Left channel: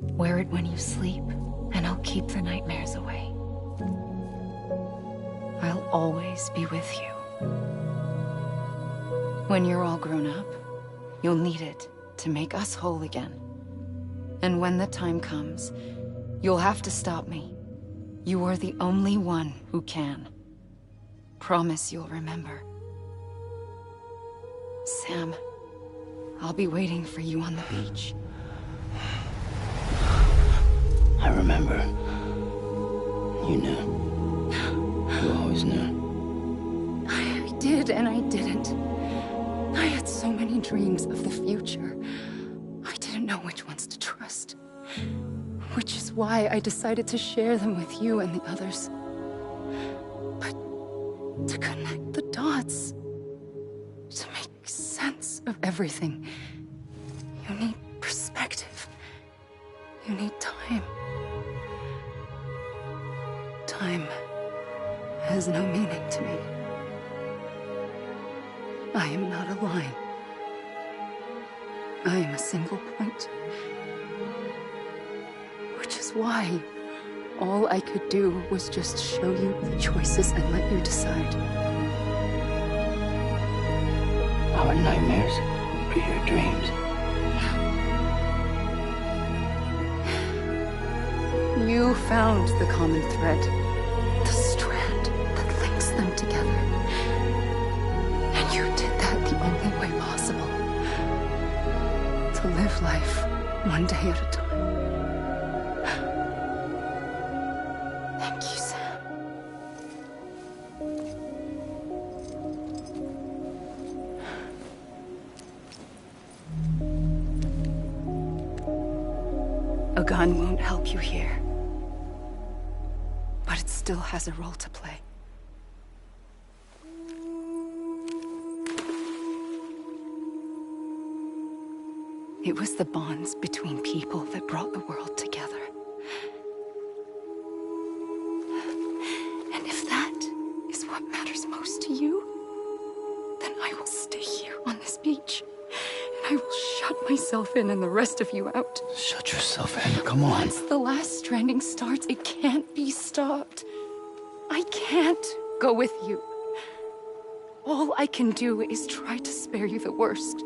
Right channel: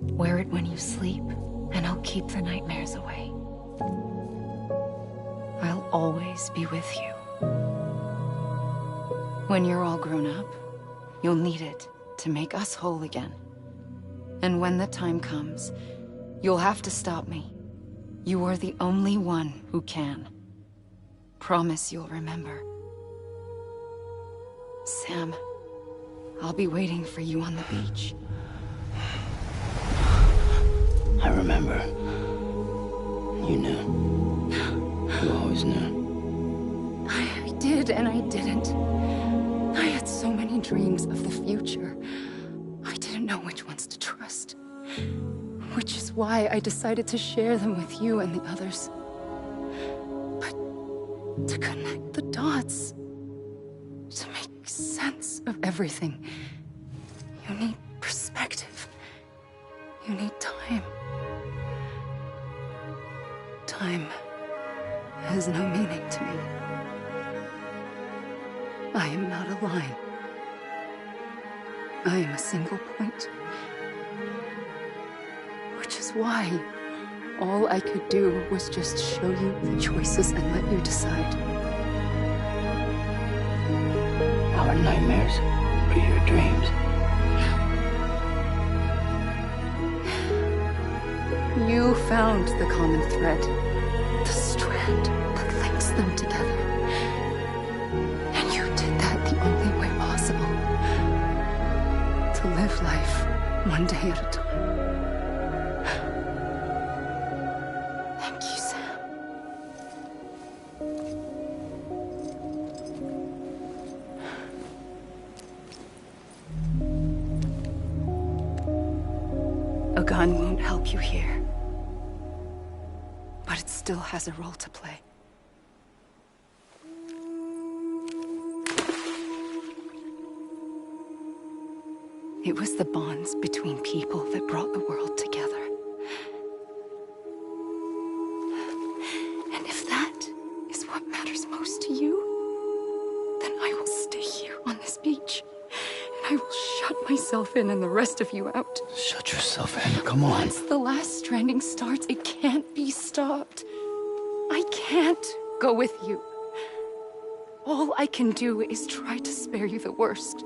Wear it when you sleep, and I'll keep the nightmares away. I'll always be with you. When you're all grown up, you'll need it to make us whole again. And when the time comes, you'll have to stop me. You are the only one who can. Promise you'll remember. Sam, I'll be waiting for you on the beach. I remember. You knew. You always knew. I did and I didn't. I had so many dreams of the future. I didn't know which ones to trust. Which is why I decided to share them with you and the others. But to connect the dots, to make sense of everything, you need perspective. You need time. Time has no meaning to me. I am not a line. I am a single point. Which is why all I could do was just show you the choices and let you decide. Our nightmares are your dreams. You found the common thread, the strand that links them together. And you did that the only way possible. To live life one day at a time. Thank you, Sam. A gun won't help you here. But it still has a role to play. It was the bonds between people that brought the world together. And if that is what matters most to you, then I will stay here on this beach. And I will shut myself in and the rest of you out. Shut yourself in, come on. Once the last stranding starts, it can't be stopped. I can't go with you. All I can do is try to spare you the worst.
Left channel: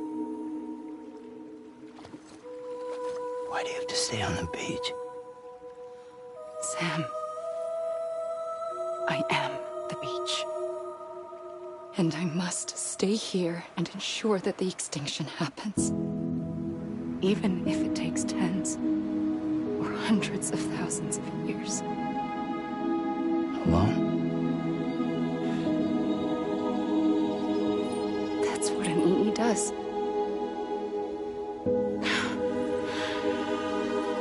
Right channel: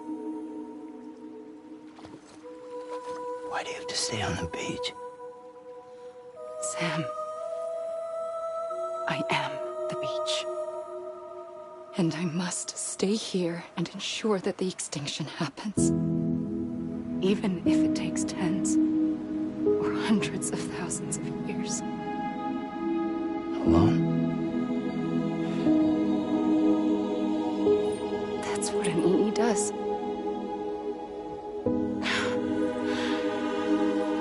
Why do you have to stay on the beach? Sam, I am the beach. And I must stay here and ensure that the extinction happens. Even if it takes tens or hundreds of thousands of years. Alone? That's what an EE does.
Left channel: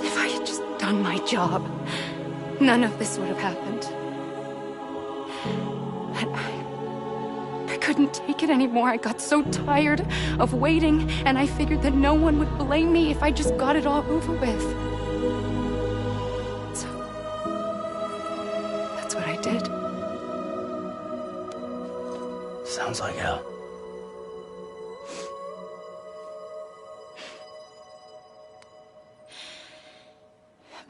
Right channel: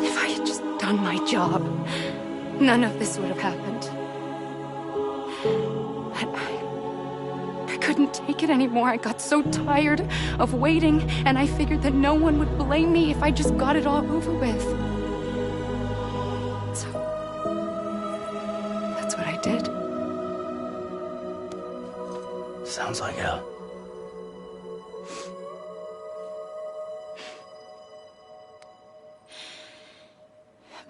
If I had just done my job, none of this would have happened. But I couldn't take it anymore. I got so tired of waiting, and I figured that no one would blame me if I just got it all over with. So, that's what I did. Sounds like hell.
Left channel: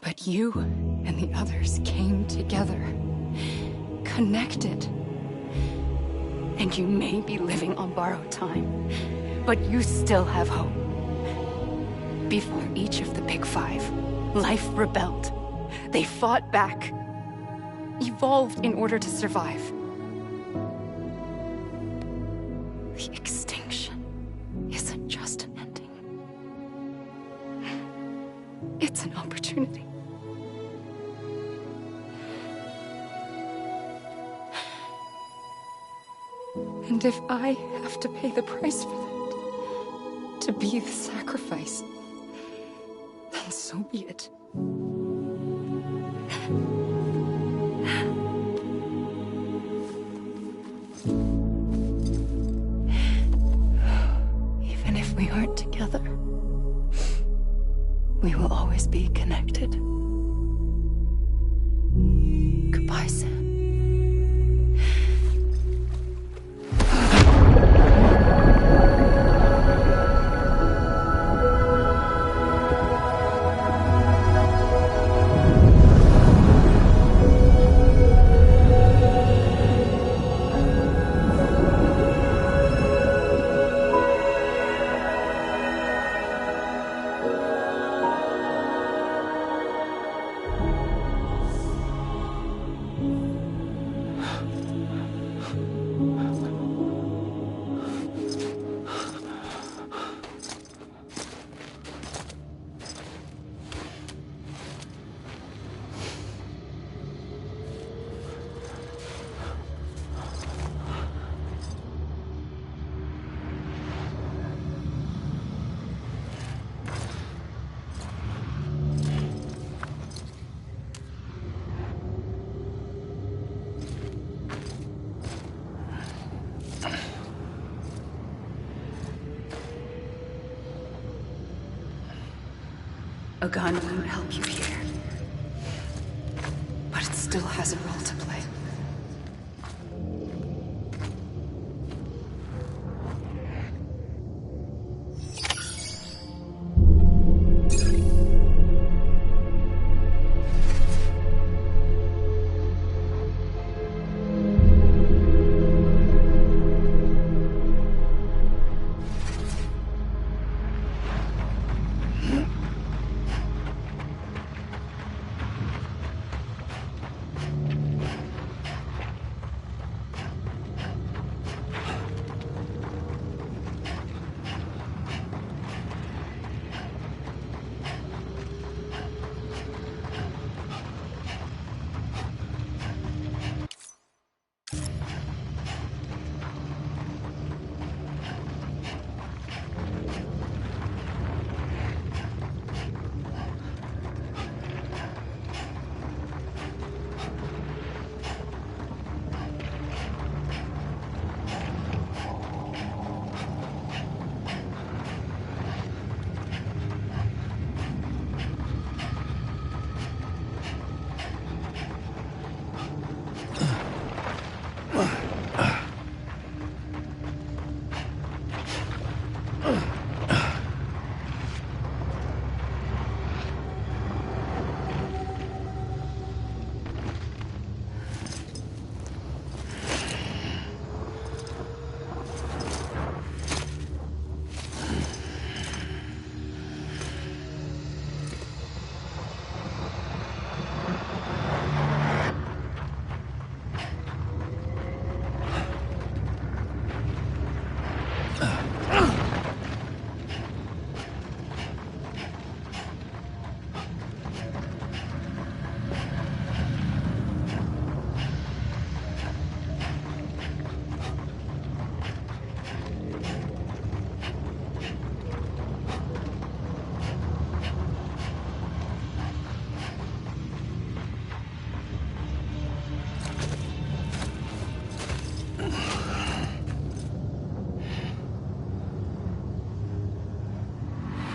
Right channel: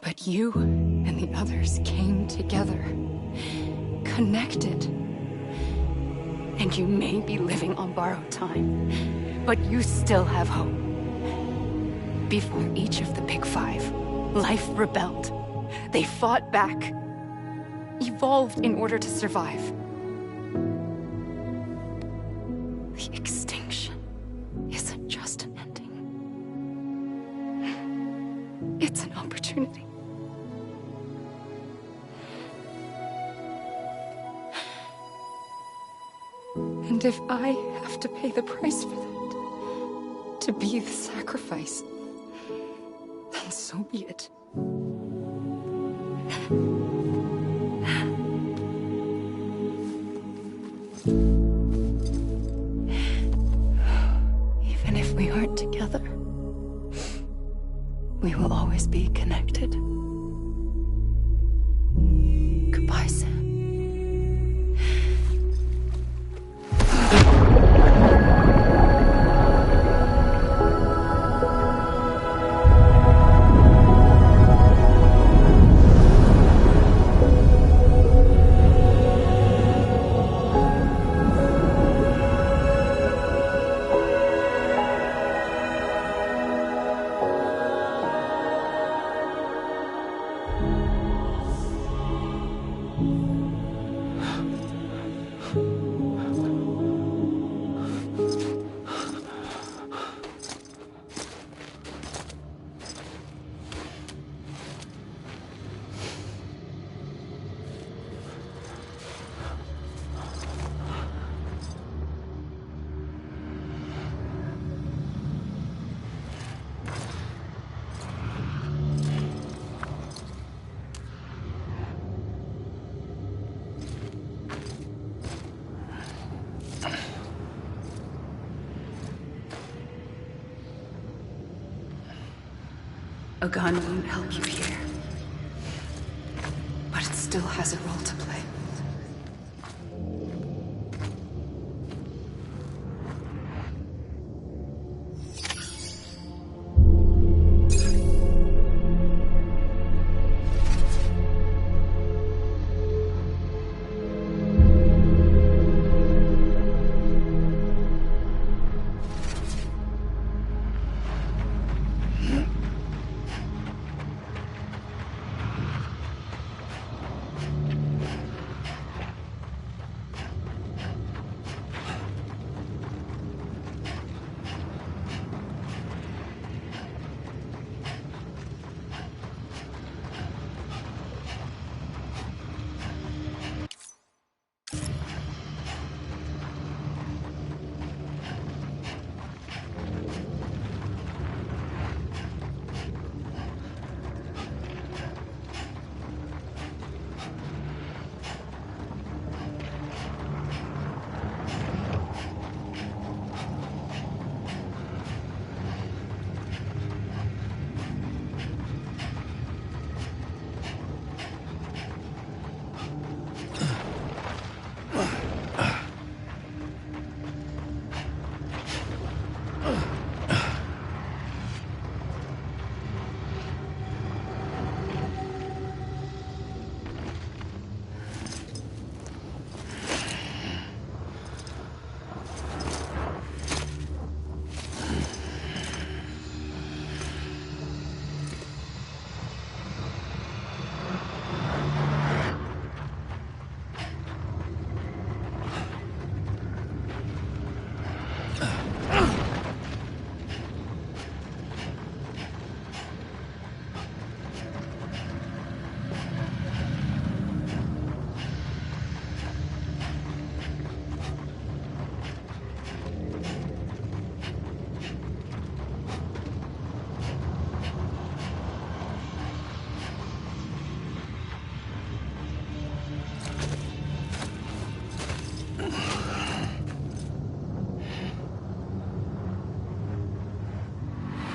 But you and the others came together, connected. And you may be living on borrowed time, but you still have hope. Before each of the Big Five, life rebelled. They fought back, evolved in order to survive. The extinction isn't just an ending. It's an opportunity. And if I have to pay the price for that, to be the sacrifice, then so be it. Even if we aren't together, we will always be connected. Goodbye, Sam. A gun won't help you here. But it still has a role to play.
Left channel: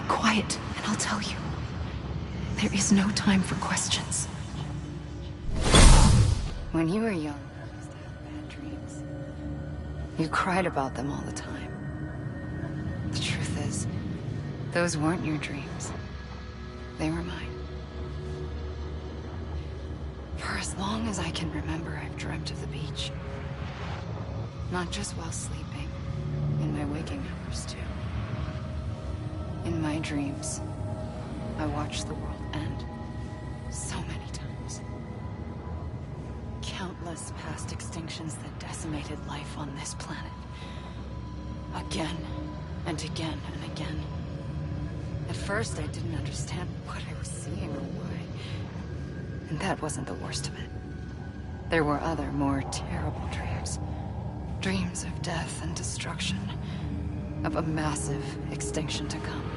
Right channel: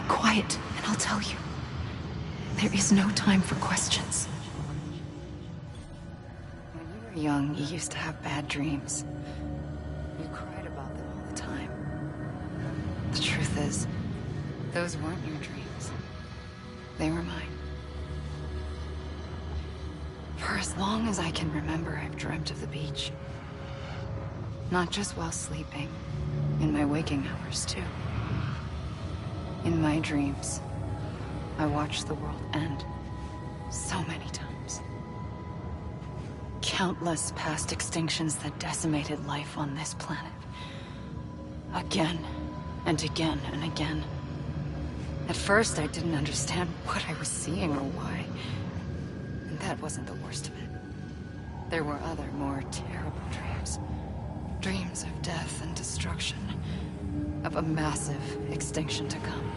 Quiet, and I'll tell you. There is no time for questions. When you were young, you used to have bad dreams. You cried about them all the time. The truth is, those weren't your dreams. They were mine. For as long as I can remember, I've dreamt of the beach. Not just while sleeping, in my waking hours too. In my dreams, I watched the world end so many times. Countless past extinctions that decimated life on this planet. Again, and again, and again. At first, I didn't understand what I was seeing or why. And that wasn't the worst of it. There were other, more terrible dreams. Dreams of death and destruction. Of a massive extinction to come.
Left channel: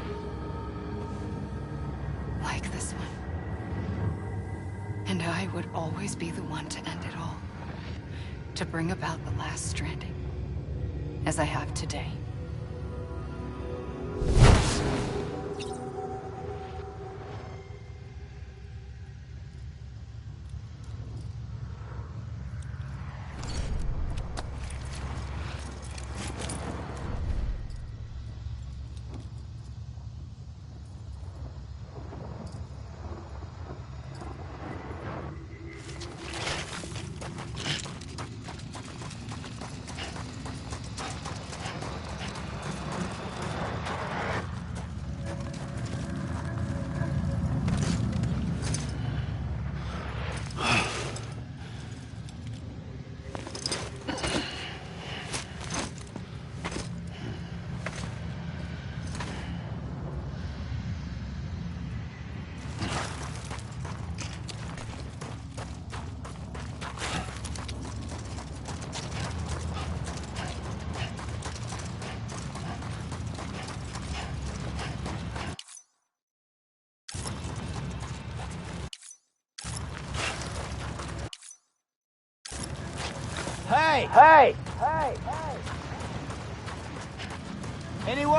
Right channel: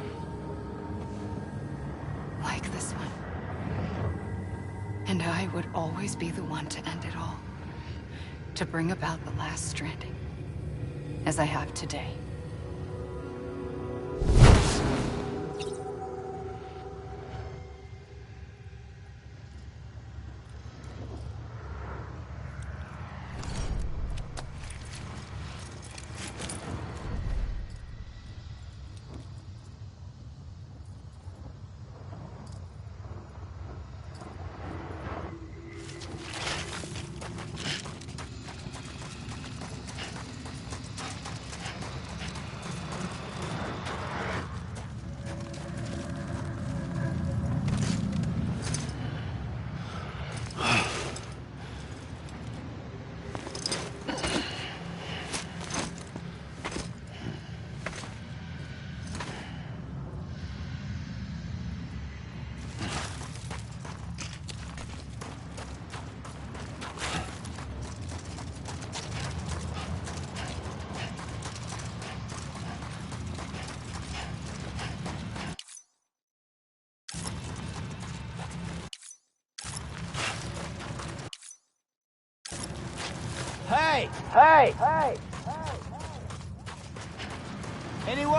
Like this one. And I would always be the one to end it all. To bring about the last stranding. As I have today. Hey! Hey! Hey! Anyone?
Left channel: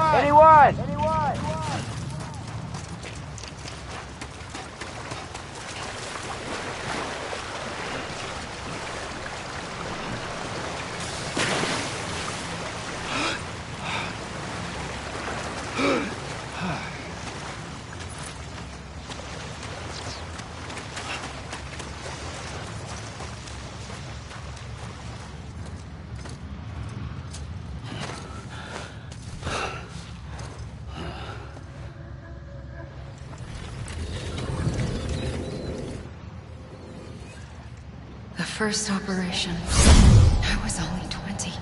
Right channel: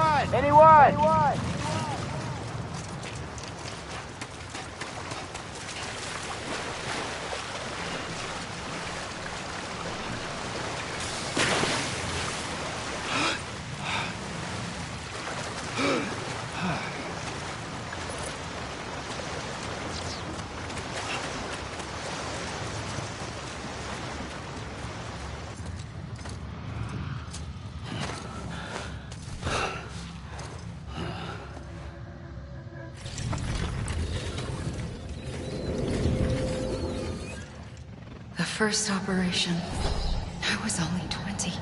The first operation, I was only 20.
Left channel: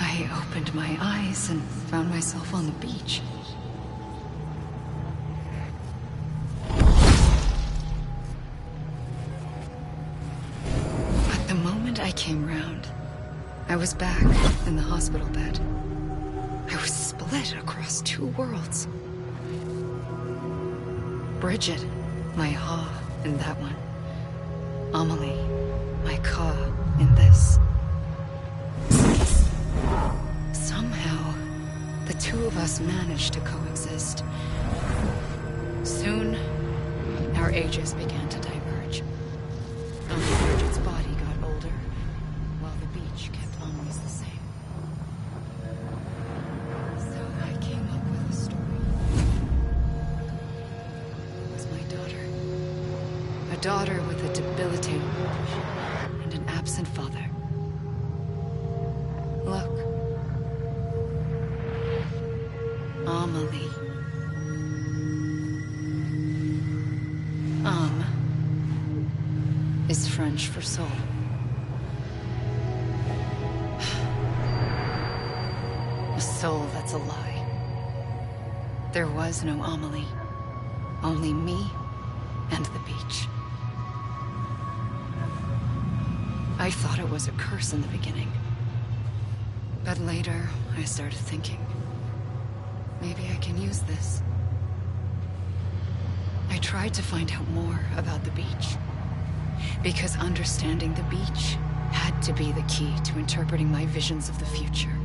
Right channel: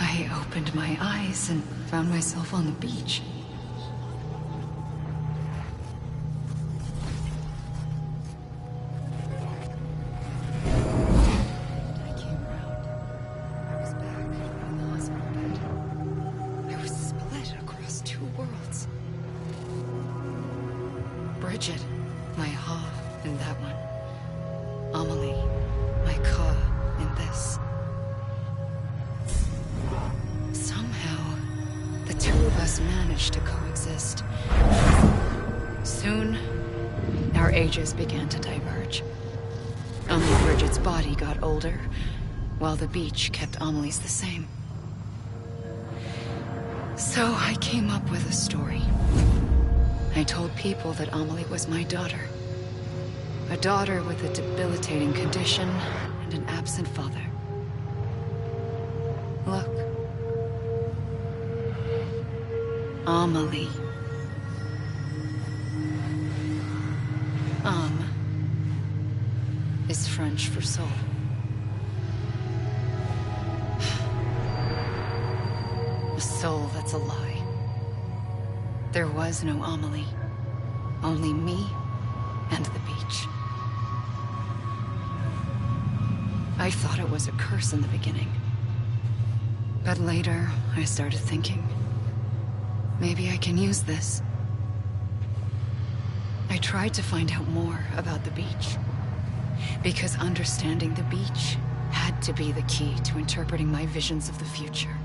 I opened my eyes and found myself on the beach. But the moment I came round, I was back in the hospital bed. I was split across two worlds. Bridget, my Ha in that one. Amelie, my Ka in this. Somehow, the two of us managed to coexist. Soon, our ages began to diverge. Only Bridget's body got older, while the beach kept Amelie's the same. So I came up with a story. I told people that Amelie was my daughter. A daughter with a debilitating condition and an absent father. Look. Amelie. Âme is French for soul. A soul that's a lie. There was no Amelie. Only me and the beach. I thought it was a curse in the beginning. But later, I started thinking, maybe I can use this. I tried to find out more about the beach. Because understanding the beach had to be the key to interpreting my visions of the future.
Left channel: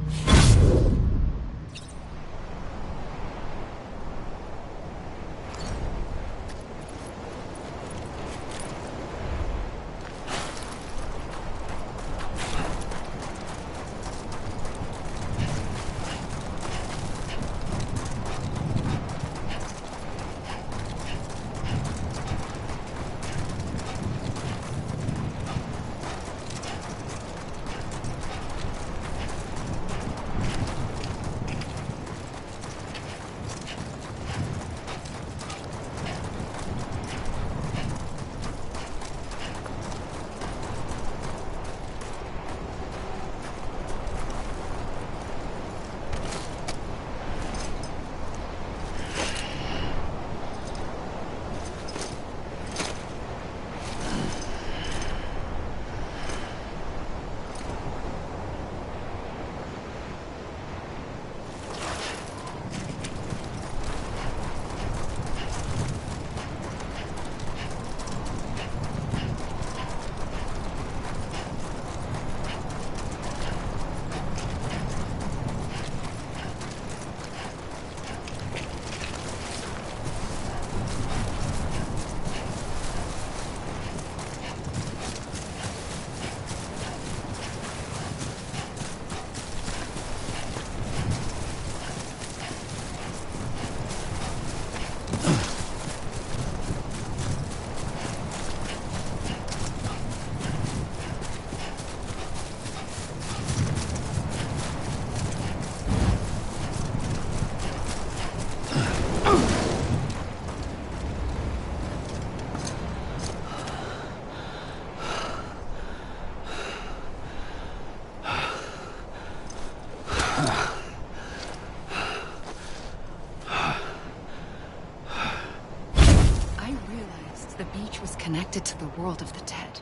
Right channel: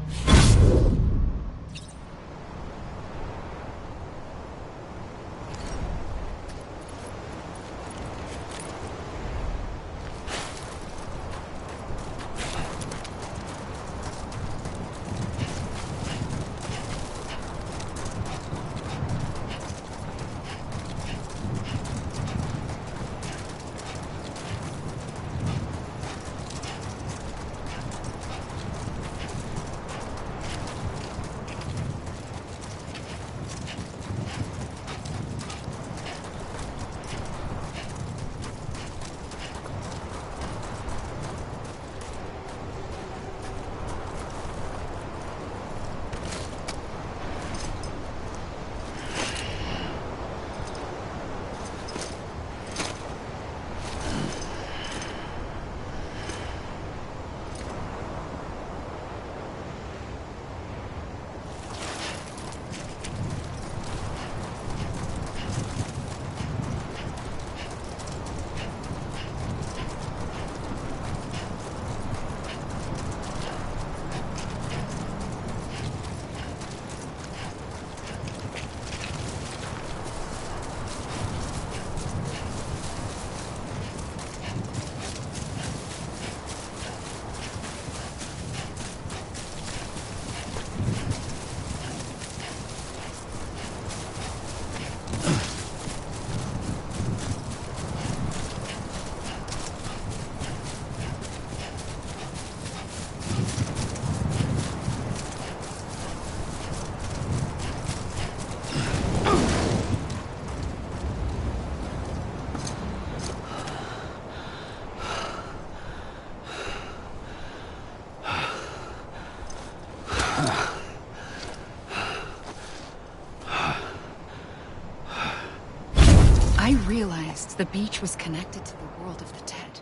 I realized the beach was connected to the world of the dead,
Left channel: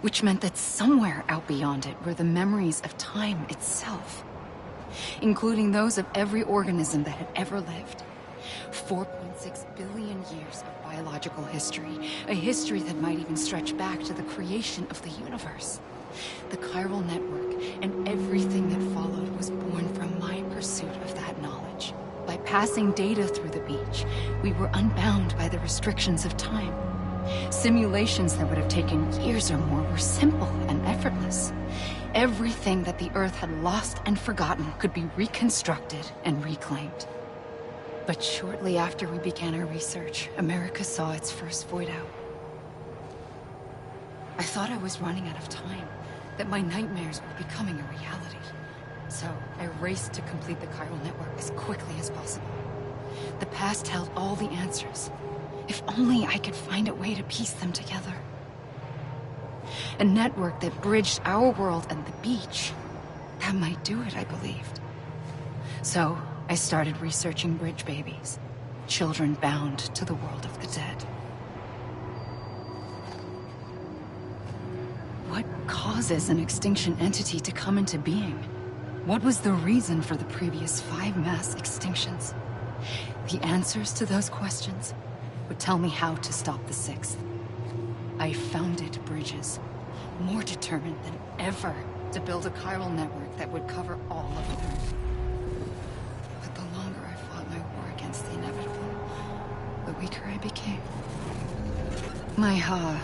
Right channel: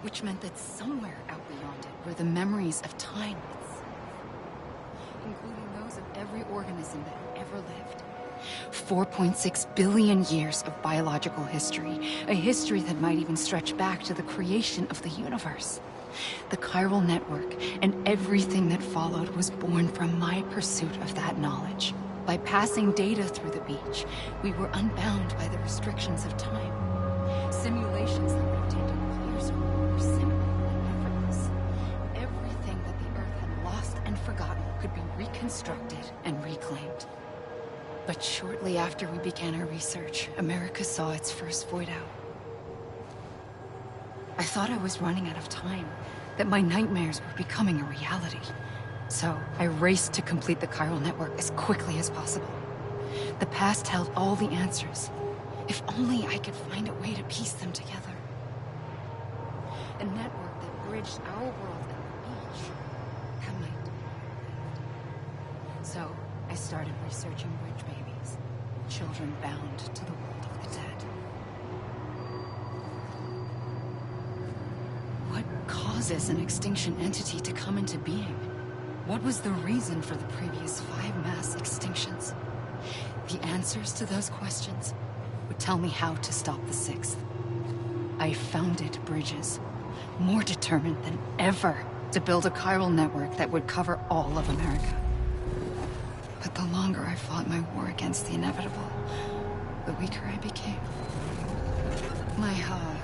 which meant that somewhere out beyond it were the memories of time itself, including those of every organism that had ever lived, 4.6 billion years of biological history, a history that might even stretch back to the creation of the universe. The chiral network and everything that followed was born from my pursuit of that knowledge. By passing data through the beach, we were unbound by the restrictions of time. Simulations that would have taken years or more were simple and effortless. Everything that the Earth had lost and forgotten could be reconstructed and reclaimed. But shortly after we began our research, America saw its first void out. I thought I was running out of time, that my nightmares were becoming a reality. So I raced to complete the chiral network as quickly as possible. The past held all the answers. If only I could find a way to piece them together. A network that bridged our world and the beach. That might do it, I believed. So I started researching bridge babies, children bound to the world of the dead. What causes an extinction entity to come into being? What was the reason for the previous 5 mass extinctions? The answers to those questions would tell me how to stop the 6th. I founded bridges, more determined than ever to build a chiral network that would cover all of America. But the longer I fought my war against the inevitable, the weaker I became. My Ha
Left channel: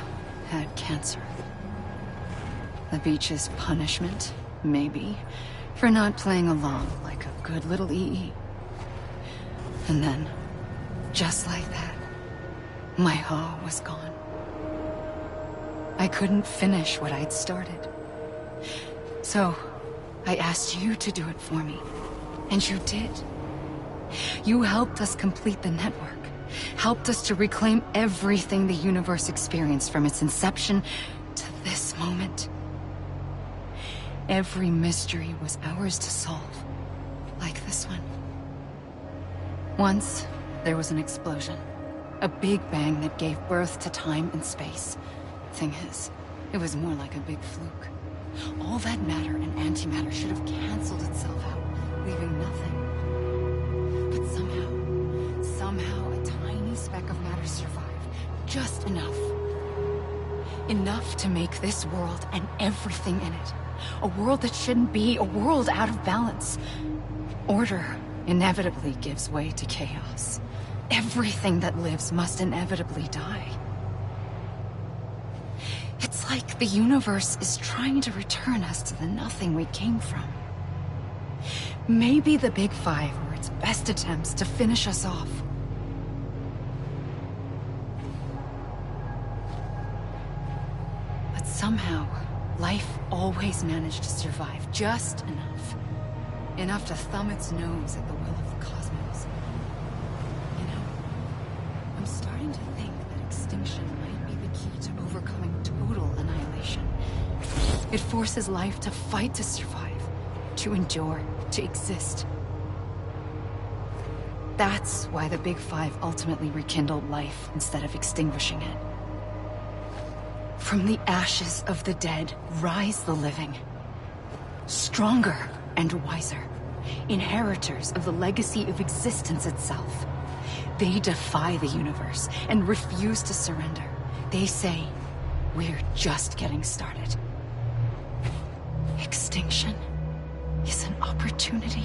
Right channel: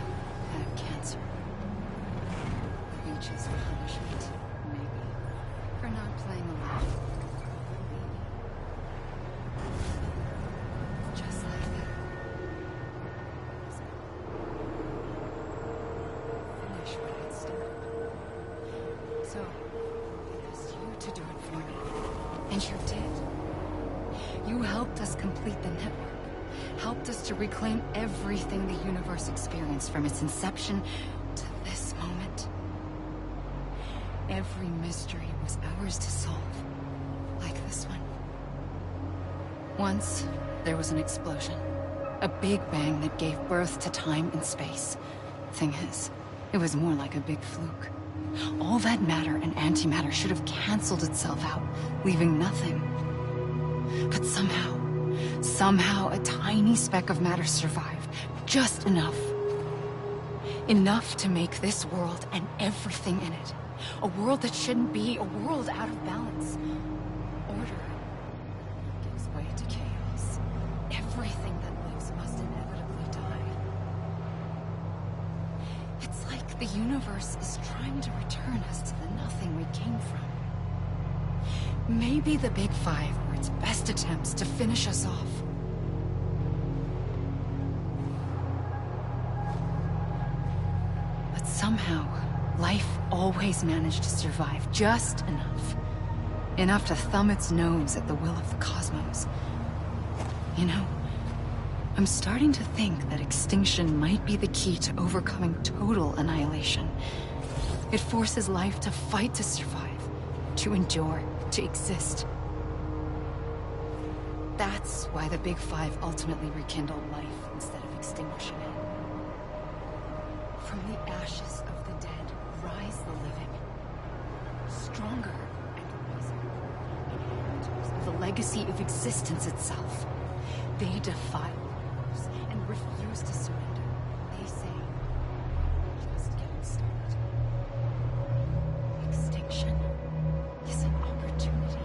had cancer. The beach's punishment, maybe, for not playing along like a good little EE. And then, just like that, my Ha was gone. I couldn't finish what I'd started. So, I asked you to do it for me. And you did. You helped us complete the network. Helped us to reclaim everything the universe experienced from its inception to this moment. Every mystery was ours to solve. Like this one. Once, there was an explosion. A big bang that gave birth to time and space. Thing is, it was more like a big fluke. All that matter and antimatter should have canceled itself out, leaving nothing. But somehow a tiny speck of matter survived. Just enough. Enough to make this world and everything in it. A world that shouldn't be, a world out of balance. Order inevitably gives way to chaos. Everything that lives must inevitably die. It's like the universe is trying to return us to the nothing we came from. Maybe the Big Five were its best attempts to finish us off. But somehow, life always managed to survive just enough. Enough to thumb its nose at the will of the cosmos. You know, I'm starting to think that extinction might be the key to overcoming total annihilation. It forces life to fight to survive, to endure, to exist. That's why the Big Five ultimately rekindled life instead of extinguishing it. From the ashes of the dead rise the living. Stronger and wiser. Inheritors of the legacy of existence itself. They defy the universe and refuse to surrender. They say, we're just getting started. Extinction is an opportunity.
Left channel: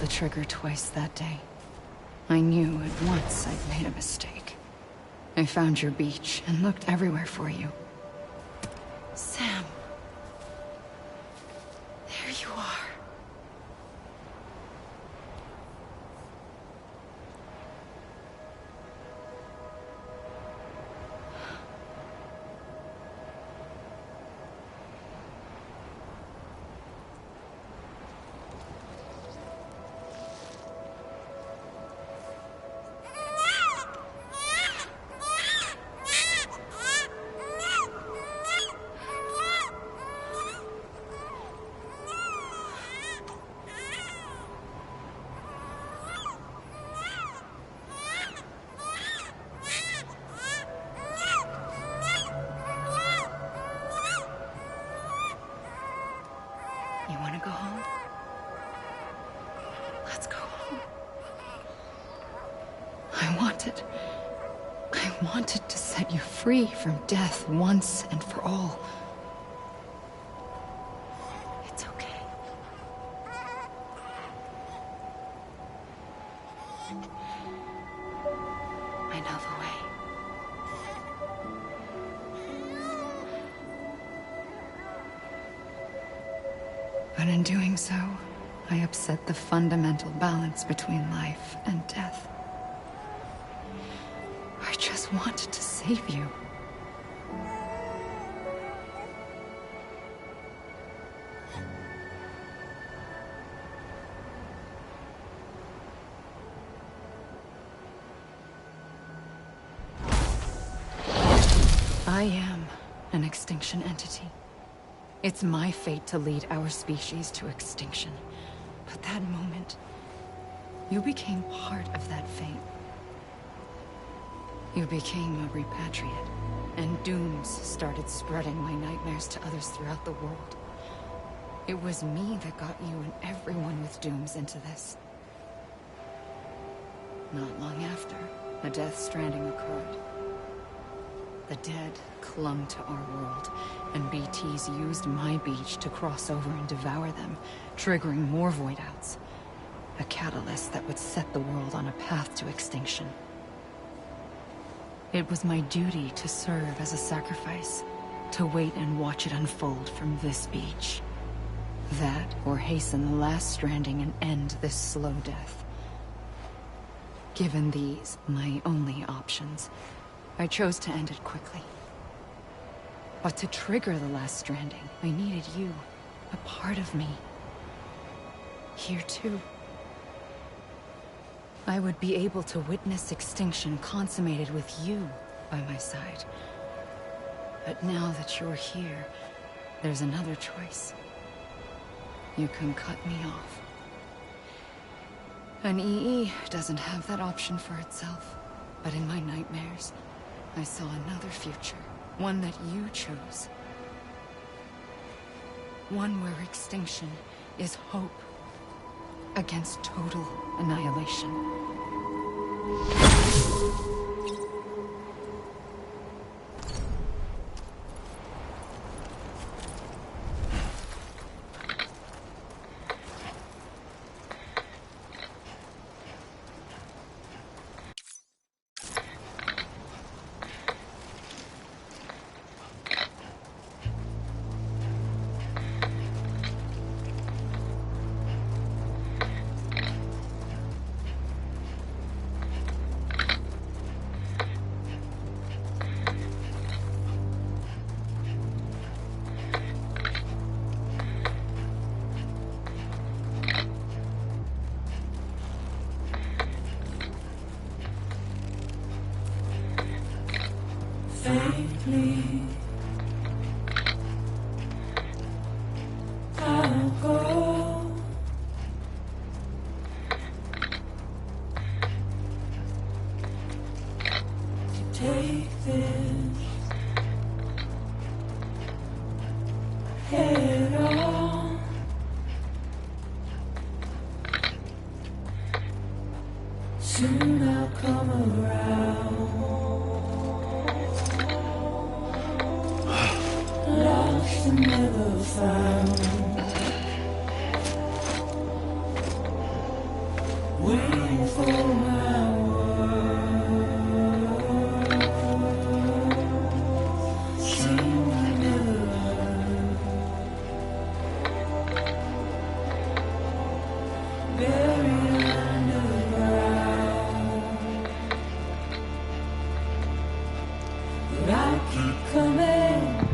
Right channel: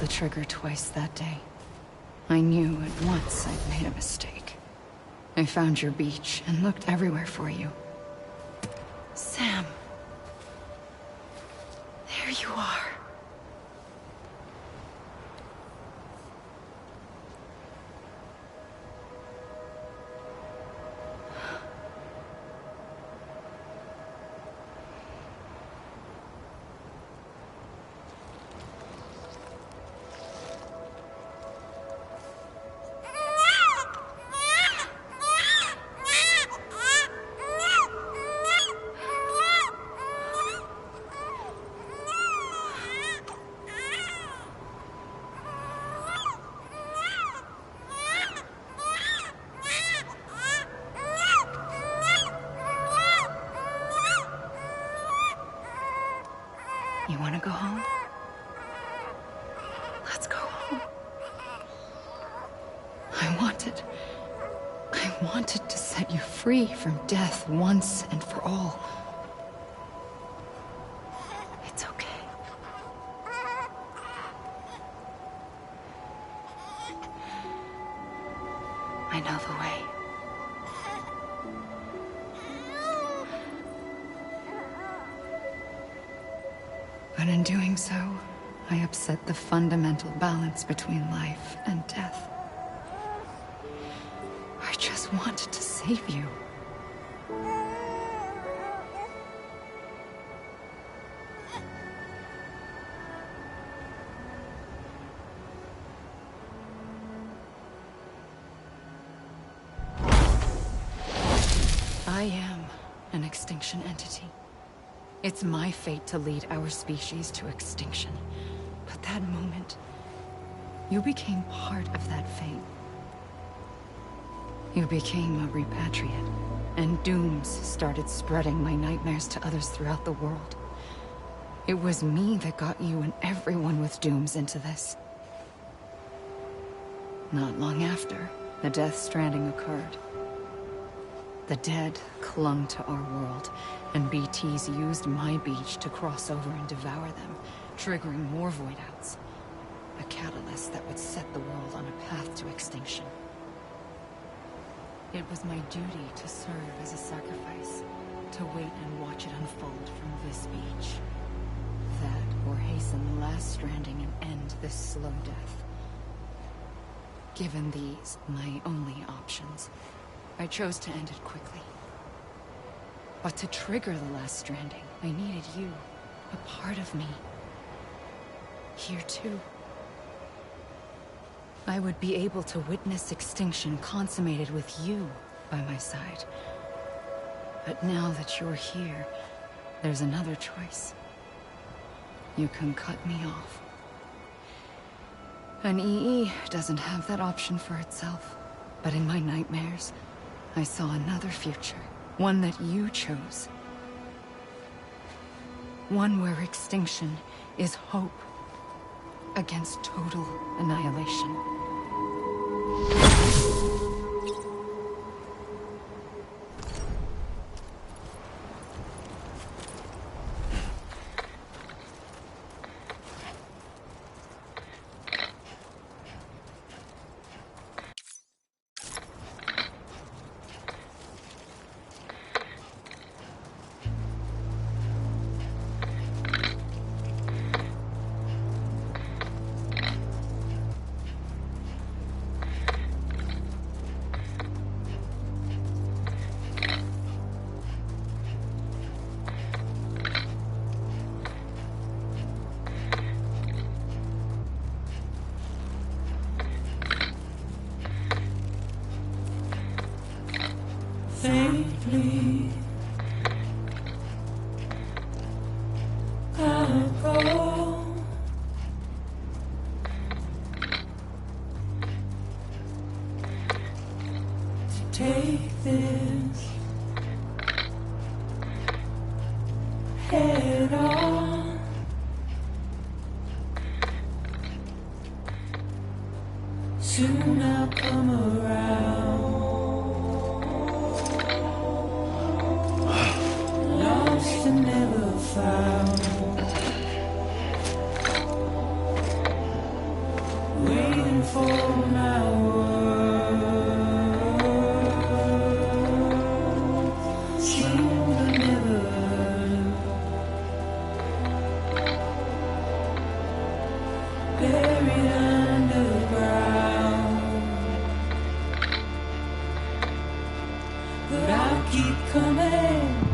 the trigger twice that day. I knew at once I'd made a mistake. I found your beach and looked everywhere for you. Sam. There you are. You want to go home? Let's go home. I wanted to set you free from death once and for all. It's okay. I know the way. But in doing so, I upset the fundamental balance between life and death. I just wanted to save you. I am an extinction entity. It's my fate to lead our species to extinction. But that moment, you became part of that fate. You became a repatriate, and dooms started spreading my nightmares to others throughout the world. It was me that got you and everyone with dooms into this. Not long after, the Death Stranding occurred. The dead clung to our world, and BTs used my beach to cross over and devour them, triggering more void outs. A catalyst that would set the world on a path to extinction. It was my duty to serve as a sacrifice, to wait and watch it unfold from this beach. That, or hasten the last stranding and end this slow death. Given these, my only options, I chose to end it quickly. But to trigger the last stranding, I needed you, a part of me. Here too. I would be able to witness extinction consummated with you by my side. But now that you're here, there's another choice. You can cut me off. An EE doesn't have that option for itself. But in my nightmares, I saw another future. One that you chose. One where extinction is hope against total annihilation. Faintly, I'll go. To take this head on. Soon I'll come around. Lost and never found. but I'll keep coming.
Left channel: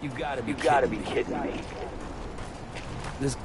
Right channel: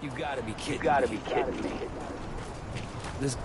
You gotta be kidding me. This.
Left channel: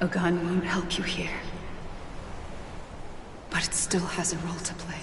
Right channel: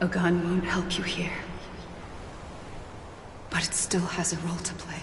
A gun won't help you here. But it still has a role to play.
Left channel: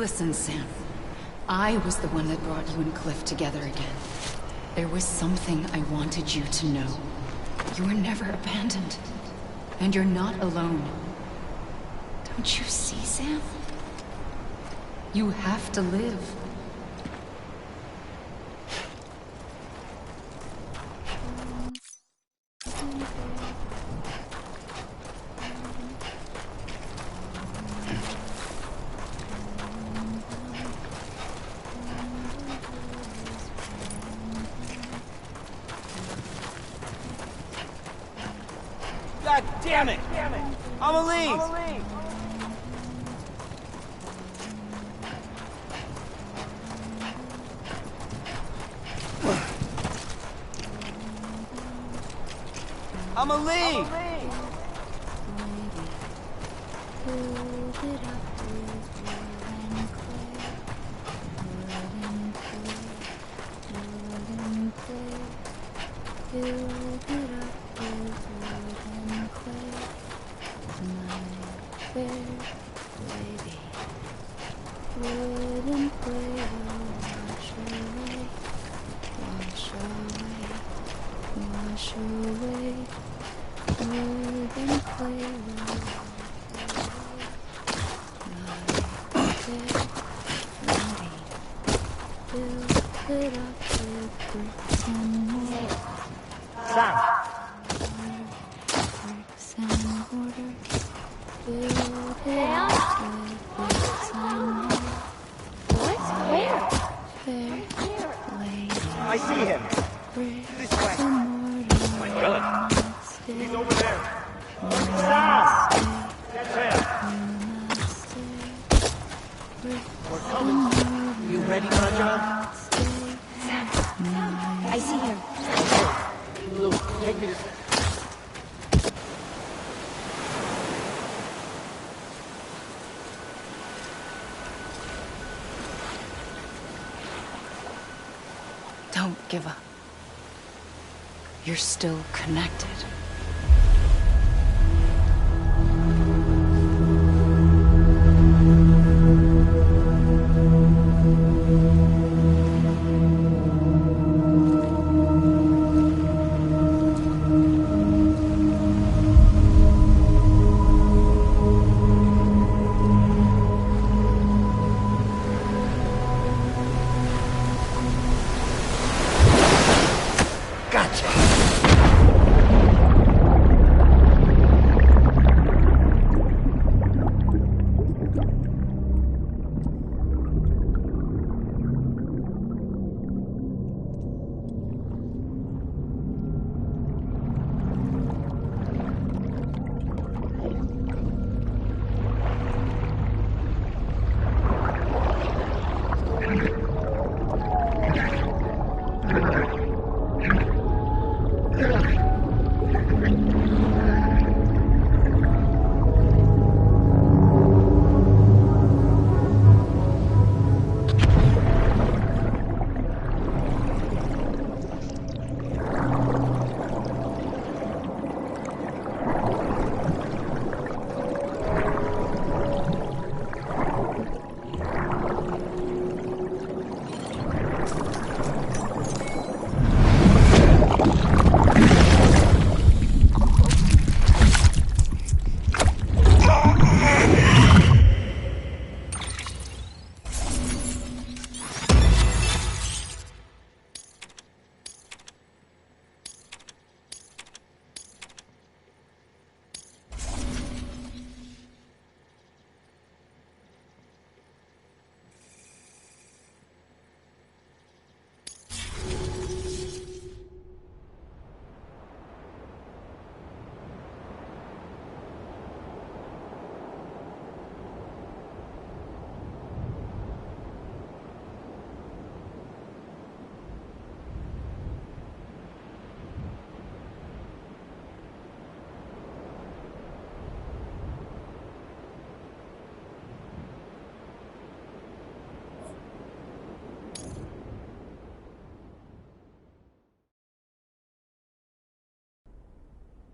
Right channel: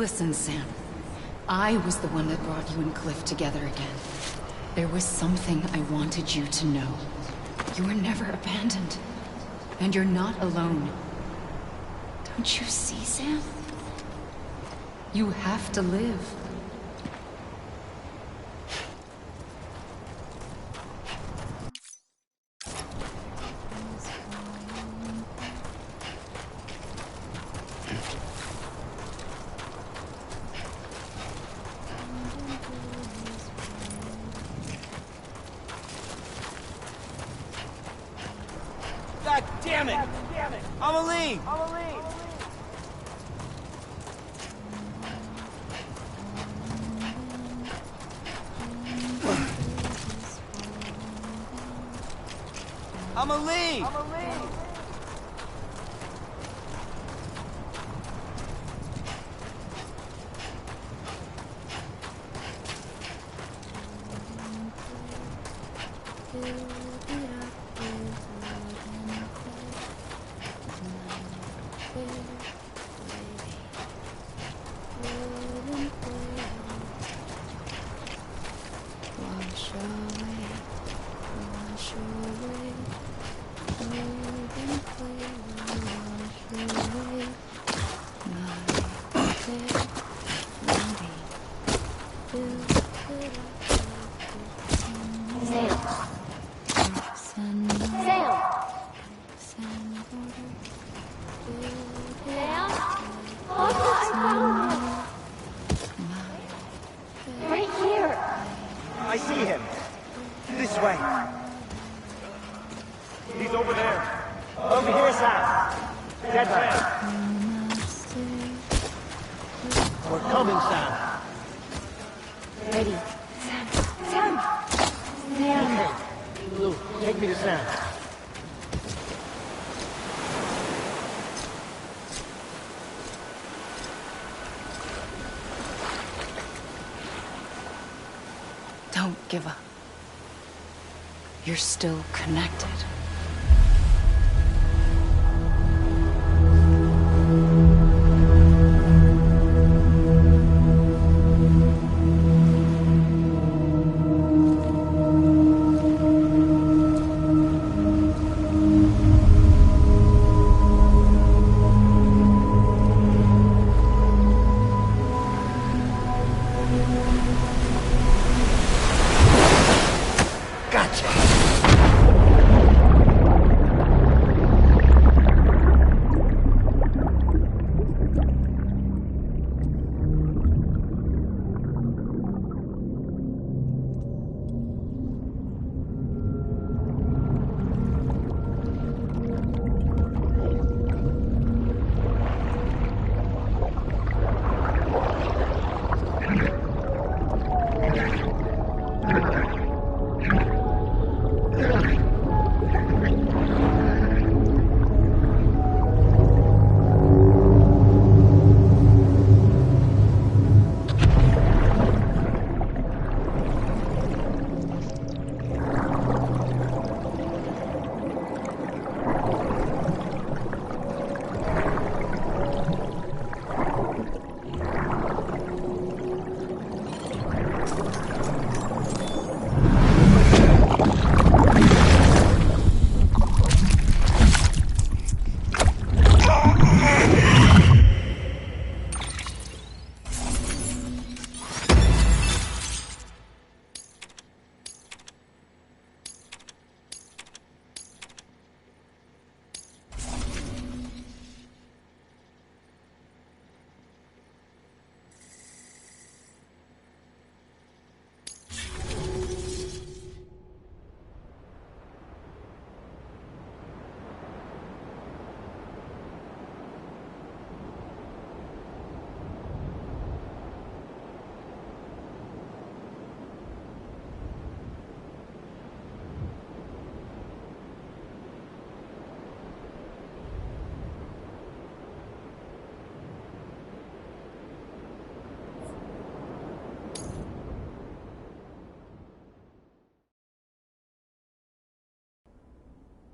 Listen, Sam. I was the one that brought you and Cliff together again. There was something I wanted you to know. You were never abandoned. And you're not alone. Don't you see, Sam? You have to live. God damn it! Amelie! Amelie! I see him. This way. My God. He's over there. Over here. That's him. We're coming, Sam. You ready, John? Sam, I see him. Okay. Luke, take me to Sam. Don't give up. You're still connected.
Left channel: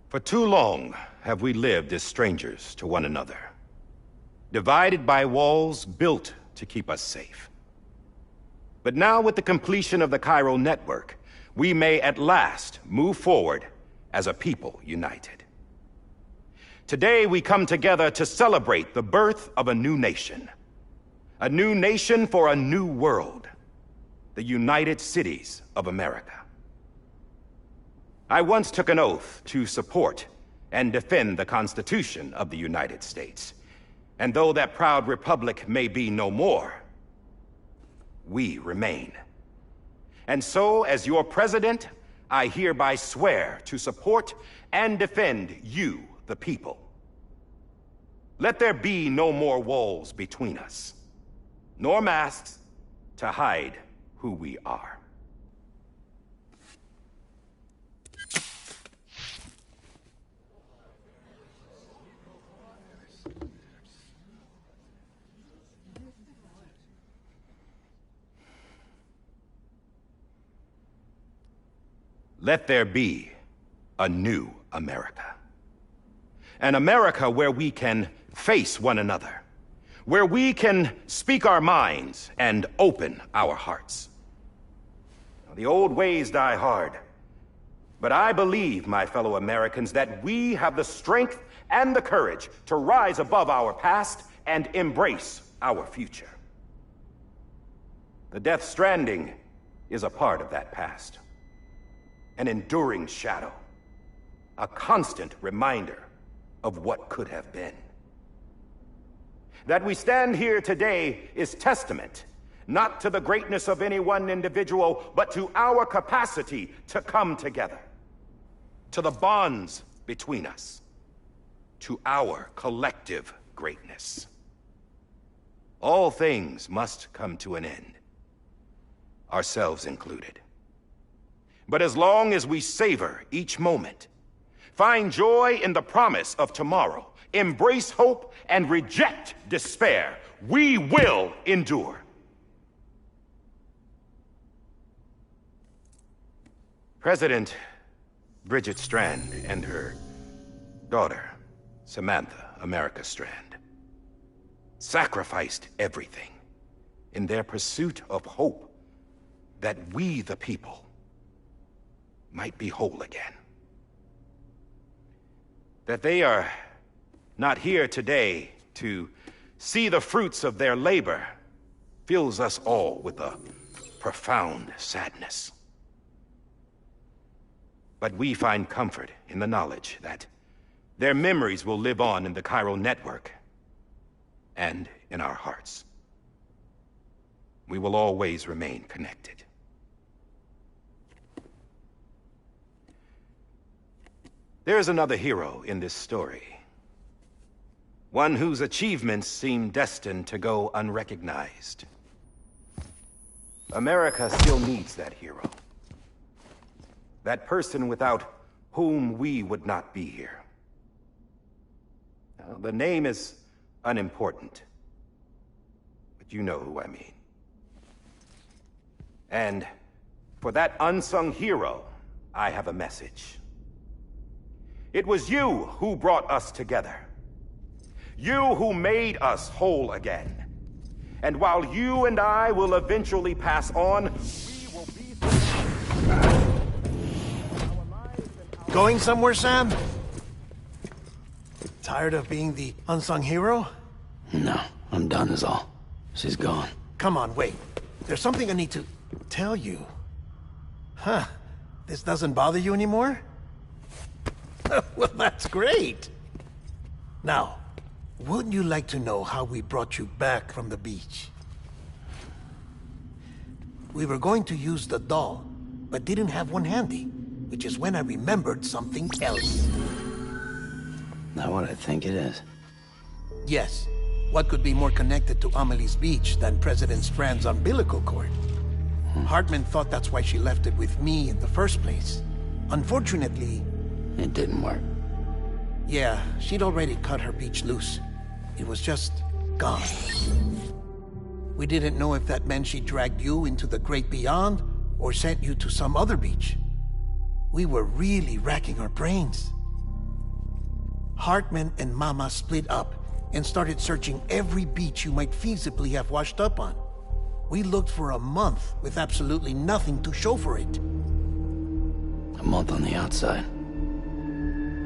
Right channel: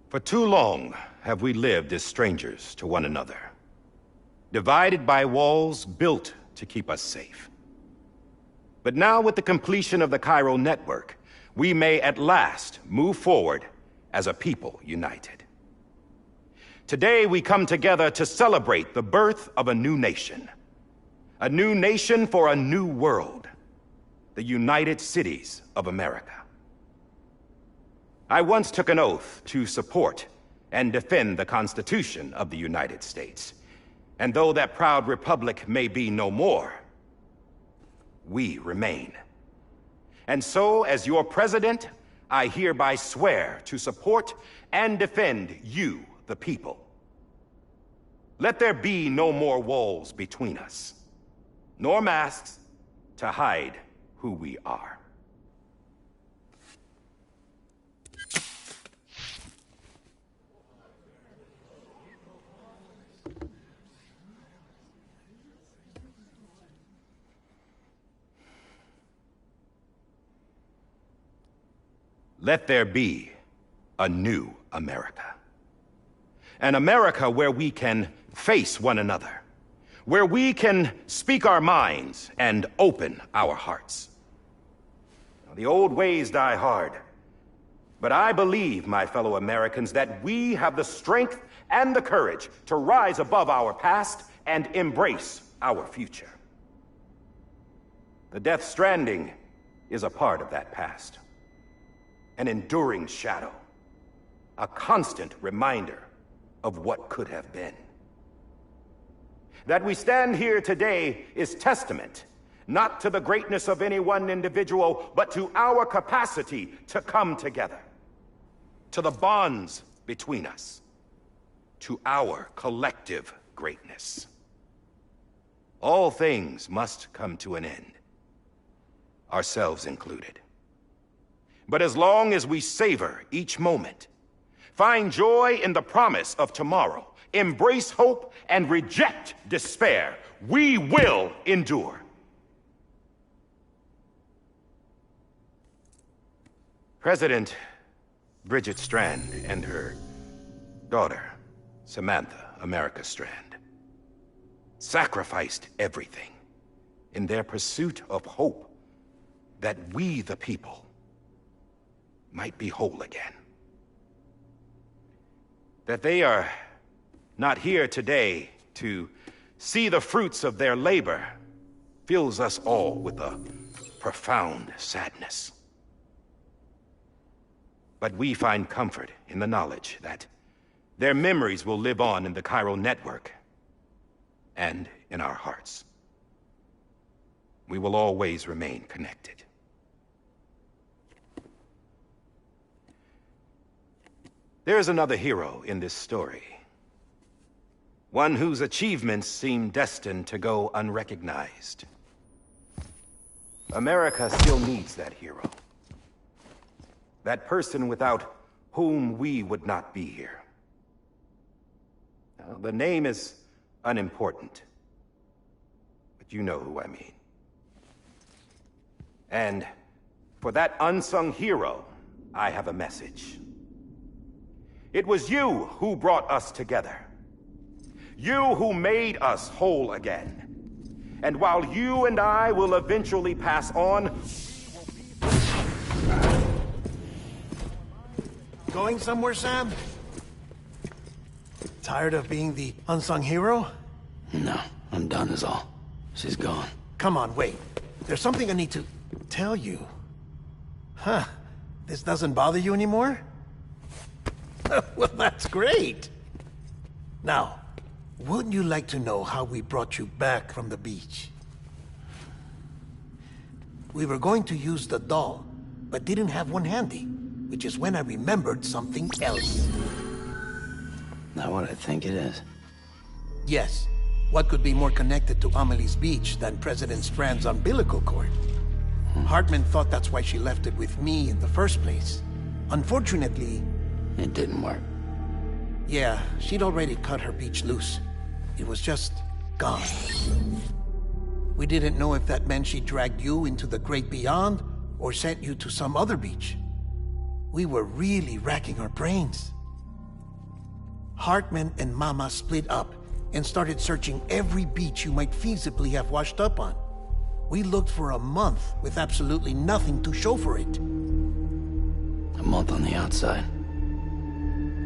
For too long have we lived as strangers to one another. Divided by walls built to keep us safe. But now, with the completion of the Cairo network, we may at last move forward as a people united. Today, we come together to celebrate the birth of a new nation. A new nation for a new world. The United Cities of America. I once took an oath to support and defend the Constitution of the United States. And though that proud republic may be no more, we remain. And so, as your president, I hereby swear to support and defend you, the people. Let there be no more walls between us, nor masks to hide who we are. Let there be a new America. An America where we can face one another, where we can speak our minds and open our hearts. Now, the old ways die hard, but I believe, my fellow Americans, that we have the strength and the courage to rise above our past and embrace our future. The Death Stranding is a part of that past. An enduring shadow, a constant reminder of what could have been. That we stand here today is testament, not to the greatness of any one individual, but to our capacity to come together, to the bonds between us, to our collective greatness. All things must come to an end, ourselves included. But as long as we savor each moment, find joy in the promise of tomorrow, embrace hope, and reject despair, we will endure. President Bridget Strand and her daughter, Samantha America Strand, sacrificed everything in their pursuit of hope that we, the people, might be whole again. That they are not here today to see the fruits of their labor fills us all with a profound sadness. But we find comfort in the knowledge that their memories will live on in the Cairo network and in our hearts. We will always remain connected. There is another hero in this story. One whose achievements seem destined to go unrecognized. America still needs that hero. That person without whom we would not be here. Now, the name is unimportant, but you know who I mean. And for that unsung hero, I have a message. It was you who brought us together. You who made us whole again. And while you and I will eventually pass on, we will be... Going somewhere, Sam? Tired of being the unsung hero? No, I'm done is all. She's gone. Come on, wait. There's something I need to tell you. Huh. This doesn't bother you anymore? Well, that's great. Now, wouldn't you like to know how we brought you back from the beach? We were going to use the doll, but didn't have one handy, which is when I remembered something else. Not what I think it is. Yes. What could be more connected to Amelie's beach than President Strand's umbilical cord? Hartman thought that's why she left it with me in the first place. Unfortunately... It didn't work. Yeah, she'd already cut her beach loose. It was just gone. We didn't know if that meant she dragged you into the great beyond, or sent you to some other beach. We were really racking our brains. Hartman and Mama split up, and started searching every beach you might feasibly have washed up on. We looked for a month with absolutely nothing to show for it. A month on the outside.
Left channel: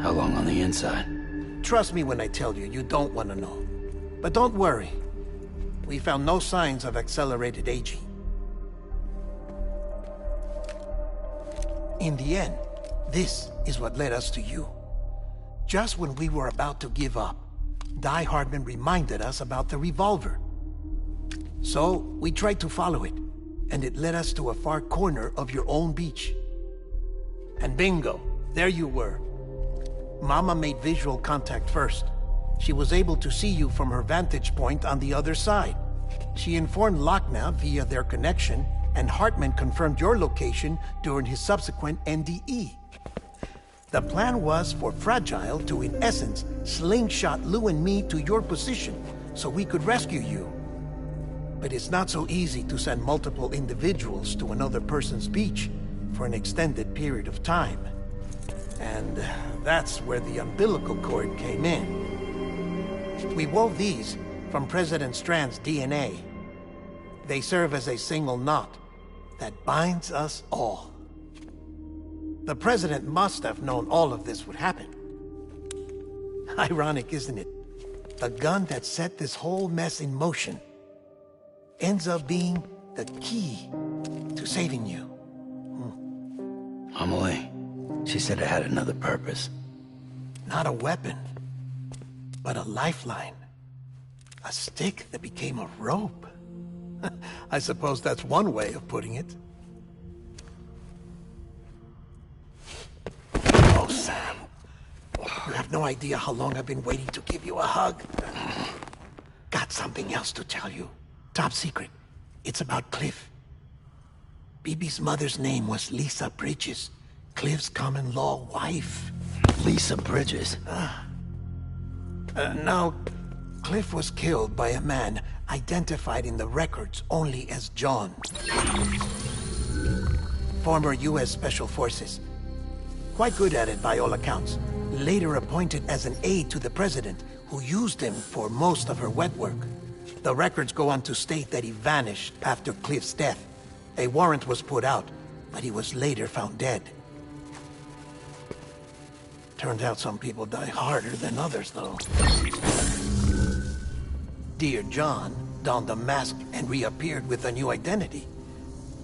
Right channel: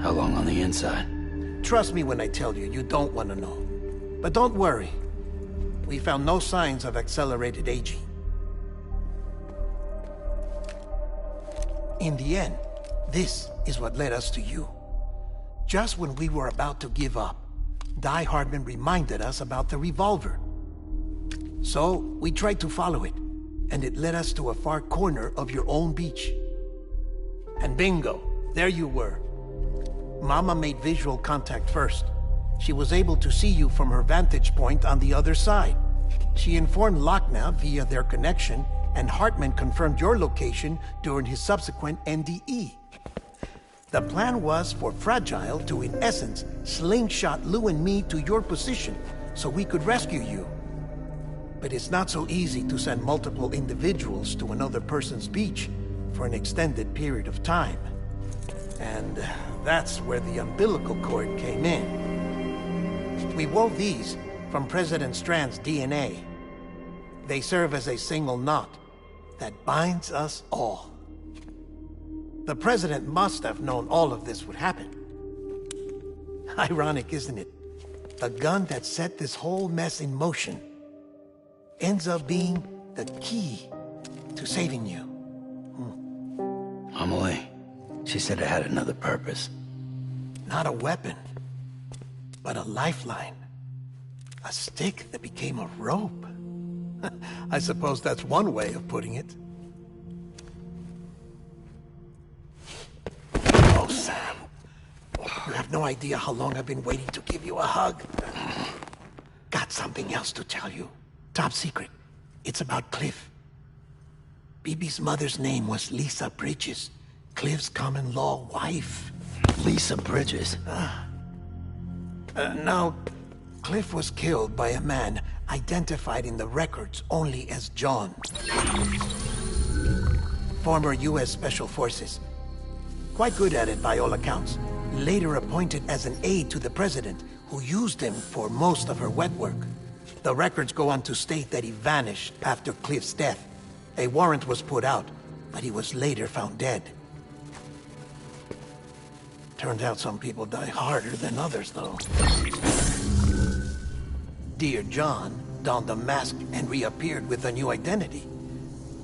How long on the inside? Trust me when I tell you, you don't want to know. But don't worry. We found no signs of accelerated aging. In the end, this is what led us to you. Just when we were about to give up, Die Hardman reminded us about the revolver. So, we tried to follow it, and it led us to a far corner of your own beach. And bingo, there you were. Mama made visual contact first. She was able to see you from her vantage point on the other side. She informed Lochner via their connection, and Hartman confirmed your location during his subsequent NDE. The plan was for Fragile to, in essence, slingshot Lou and me to your position so we could rescue you. But it's not so easy to send multiple individuals to another person's beach for an extended period of time. And that's where the umbilical cord came in. We wove these from President Strand's DNA. They serve as a single knot that binds us all. The President must have known all of this would happen. Ironic, isn't it? The gun that set this whole mess in motion ends up being the key to saving you. Amelie, she said it had another purpose. Not a weapon, but a lifeline. A stick that became a rope. I suppose that's one way of putting it. Oh, Sam. You have no idea how long I've been waiting to give you a hug. Got something else to tell you. Top secret. It's about Cliff. Bibi's mother's name was Lisa Bridges, Cliff's common-law wife. Lisa Bridges? Now, Cliff was killed by a man identified in the records only as John. Former U.S. Special Forces. Quite good at it by all accounts. Later appointed as an aide to the president, who used him for most of her wet work. The records go on to state that he vanished after Cliff's death. A warrant was put out, but he was later found dead. Turned out some people die harder than others, though. Dear John donned a mask and reappeared with a new identity.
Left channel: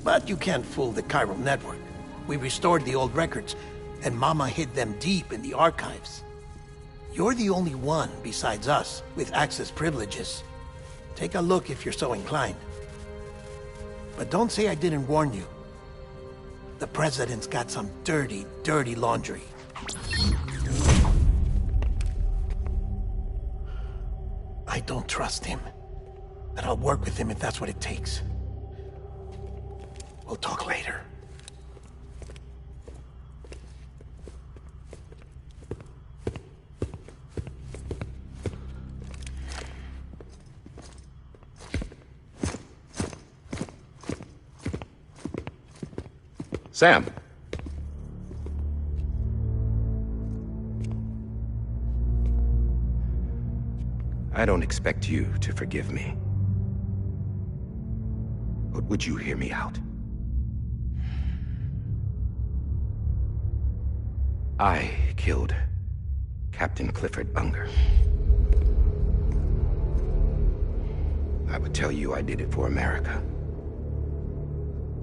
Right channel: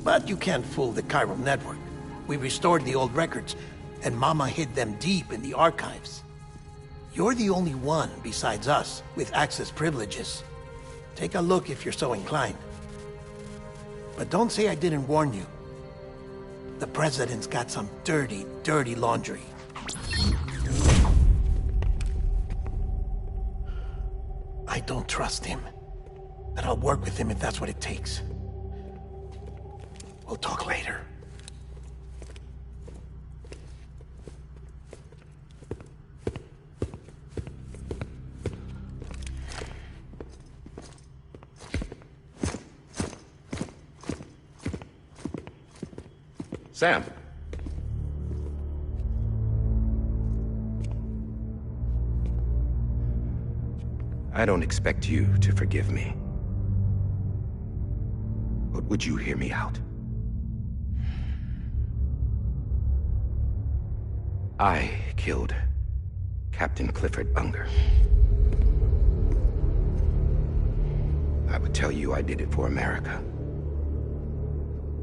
But you can't fool the chiral network. We restored the old records, and Mama hid them deep in the archives. You're the only one, besides us, with access privileges. Take a look if you're so inclined. But don't say I didn't warn you. The President's got some dirty, dirty laundry. I don't trust him, but I'll work with him if that's what it takes. We'll talk later. Sam. I don't expect you to forgive me. But would you hear me out? I killed Captain Clifford Unger. I would tell you I did it for America.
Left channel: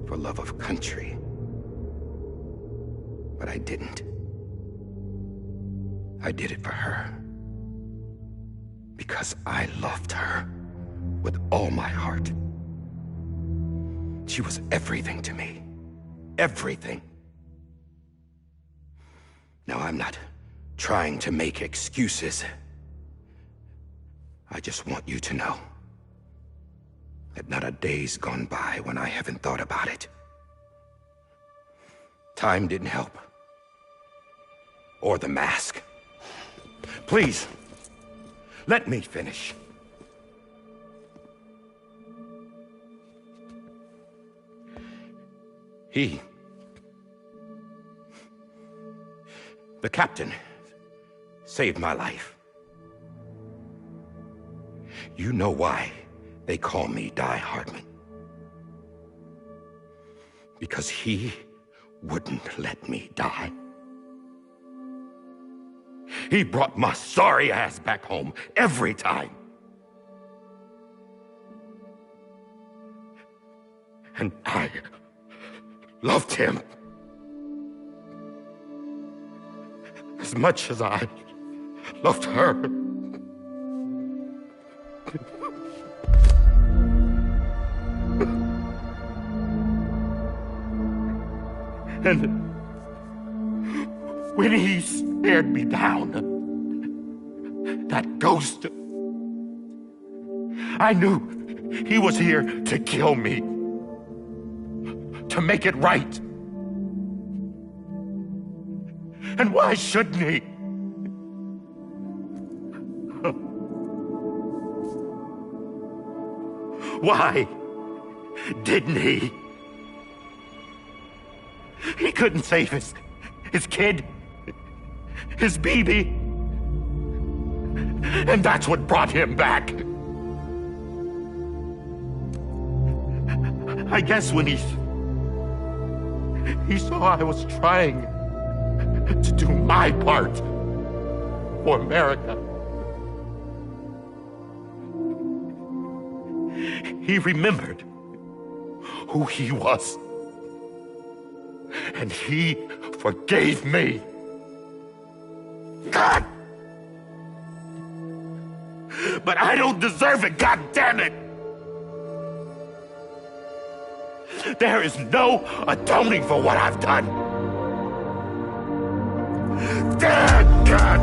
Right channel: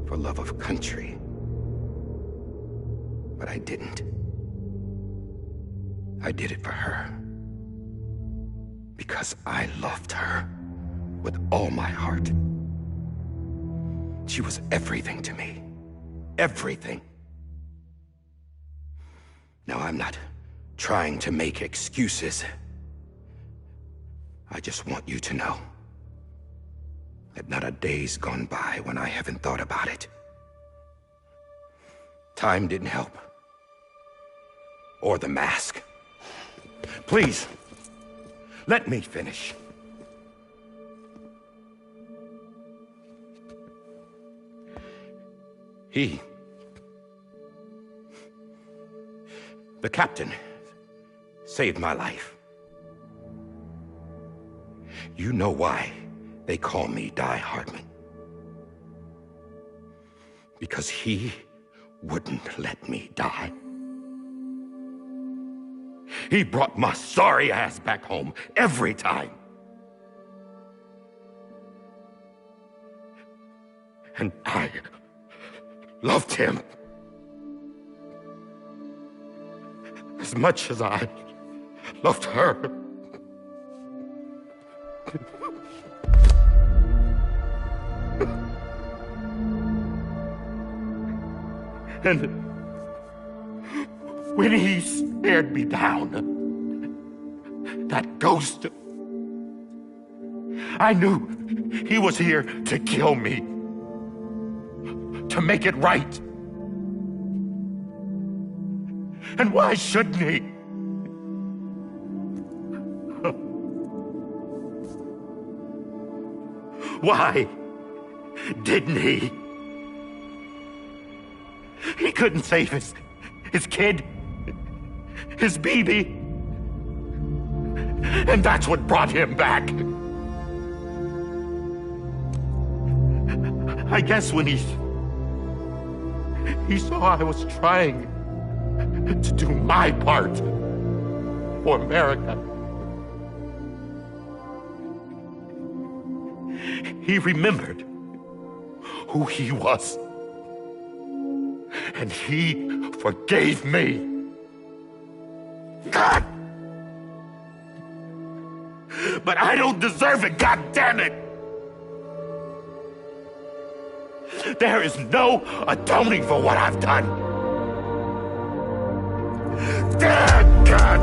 For love of country. But I didn't. I did it for her. Because I loved her with all my heart. She was everything to me. Everything. Now, I'm not trying to make excuses. I just want you to know that not a day's gone by when I haven't thought about it. Time didn't help. Or the mask. Please, let me finish. The captain saved my life. You know why they call me Die Hardman? Because he wouldn't let me die. He brought my sorry ass back home every time. And I loved him as much as I loved her. And when he stared me down, that ghost, I knew he was here to kill me, to make it right. And why shouldn't he? Why didn't he? He couldn't save his kid, his baby. And that's what brought him back. I guess when he saw I was trying to do my part for America, he remembered who he was. And he forgave me. God! But I don't deserve it, God damn it! There is no atoning for what I've done. Damn, God!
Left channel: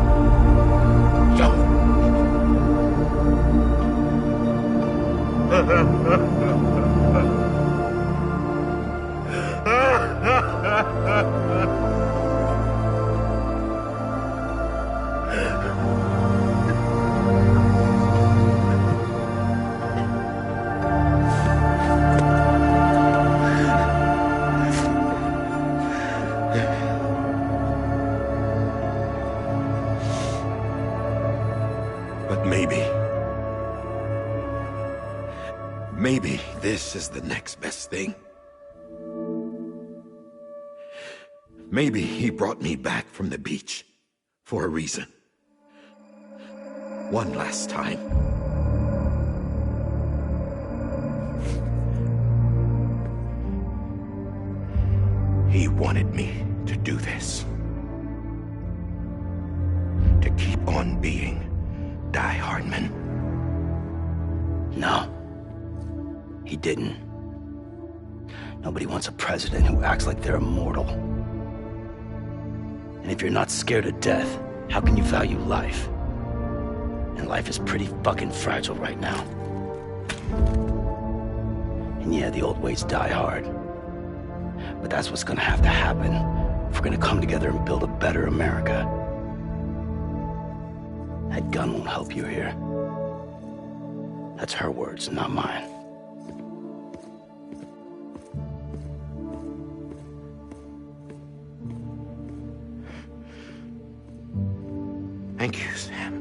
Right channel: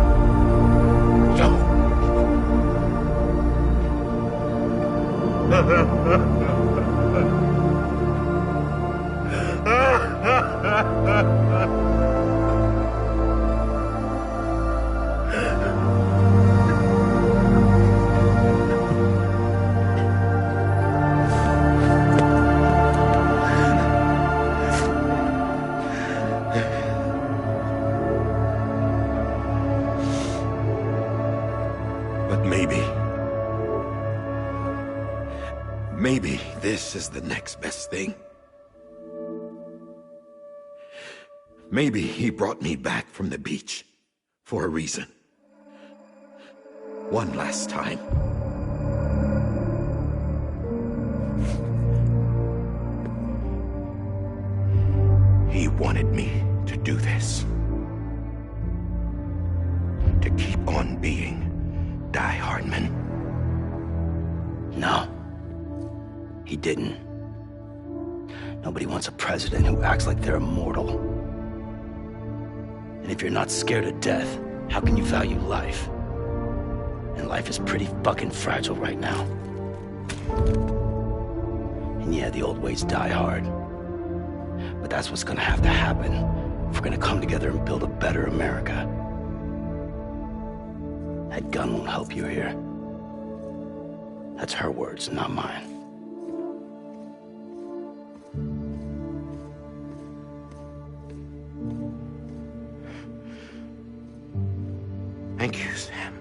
But maybe this is the next best thing. Maybe he brought me back from the beach for a reason. One last time. He wanted me to do this. To keep on being Die Hardman. No. He didn't. Nobody wants a president who acts like they're immortal. And if you're not scared of death, how can you value life? And life is pretty fucking fragile right now. And yeah, the old ways die hard. But that's what's gonna have to happen if we're gonna come together and build a better America. That gun won't help you here. That's her words, not mine. Thank you, Sam.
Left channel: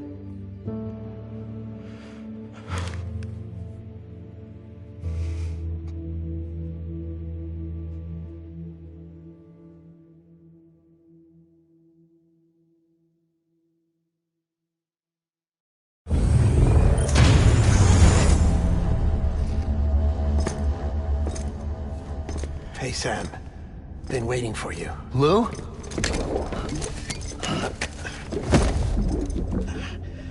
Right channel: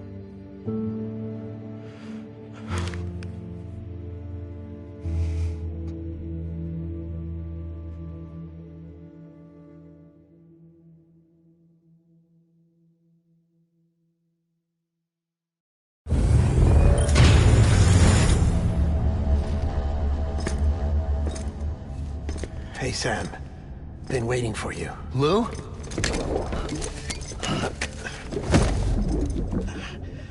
Hey, Sam. Been waiting for you. Lou?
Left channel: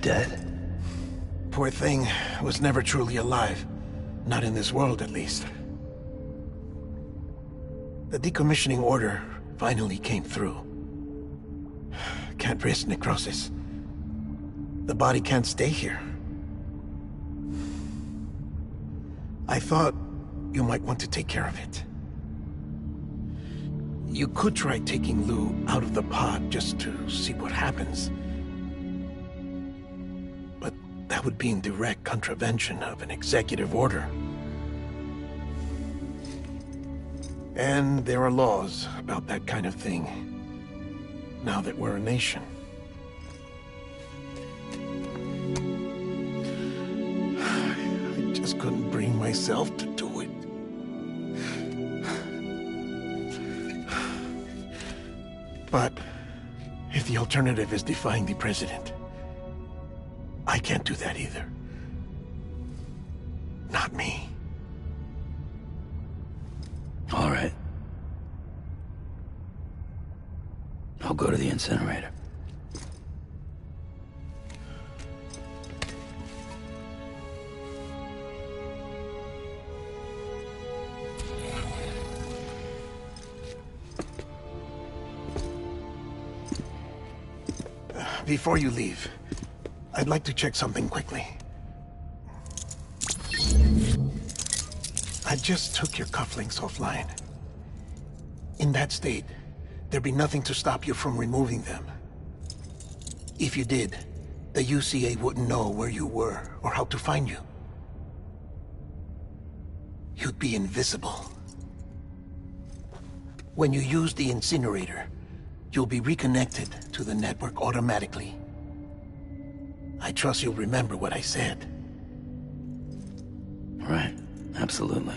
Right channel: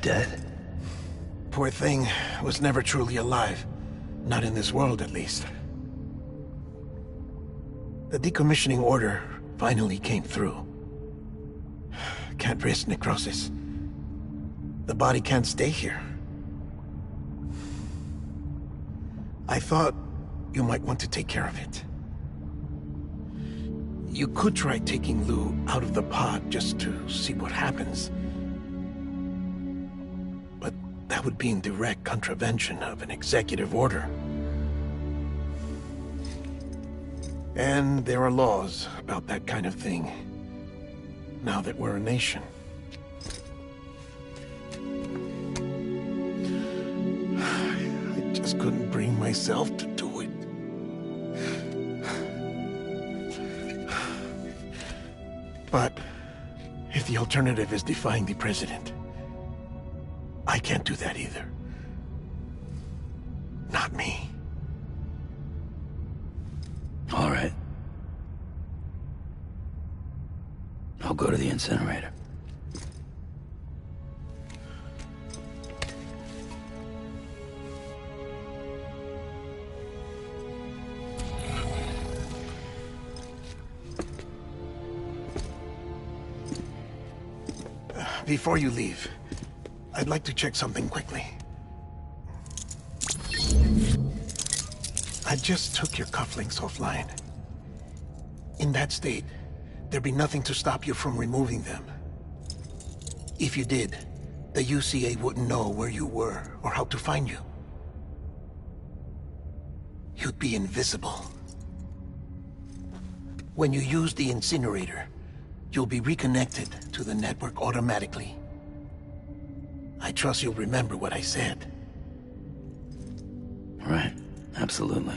Dead? Poor thing was never truly alive. Not in this world, at least. The decommissioning order finally came through. Can't risk necrosis. The body can't stay here. I thought you might want to take care of it. You could try taking Lou out of the pod just to see what happens. But that would be in direct contravention of an executive order. And there are laws about that kind of thing, now that we're a nation. just couldn't bring myself to do it. But if the alternative is defying the president, I can't do that either. Not me. All right. I'll go to the incinerator. Before you leave, I'd like to check something quickly. I just took your cufflinks offline. In that state, there'd be nothing to stop you from removing them. If you did, the UCA wouldn't know where you were or how to find you. You'd be invisible. When you use the incinerator, you'll be reconnected to the network automatically. I trust you'll remember what I said. Right. Absolutely.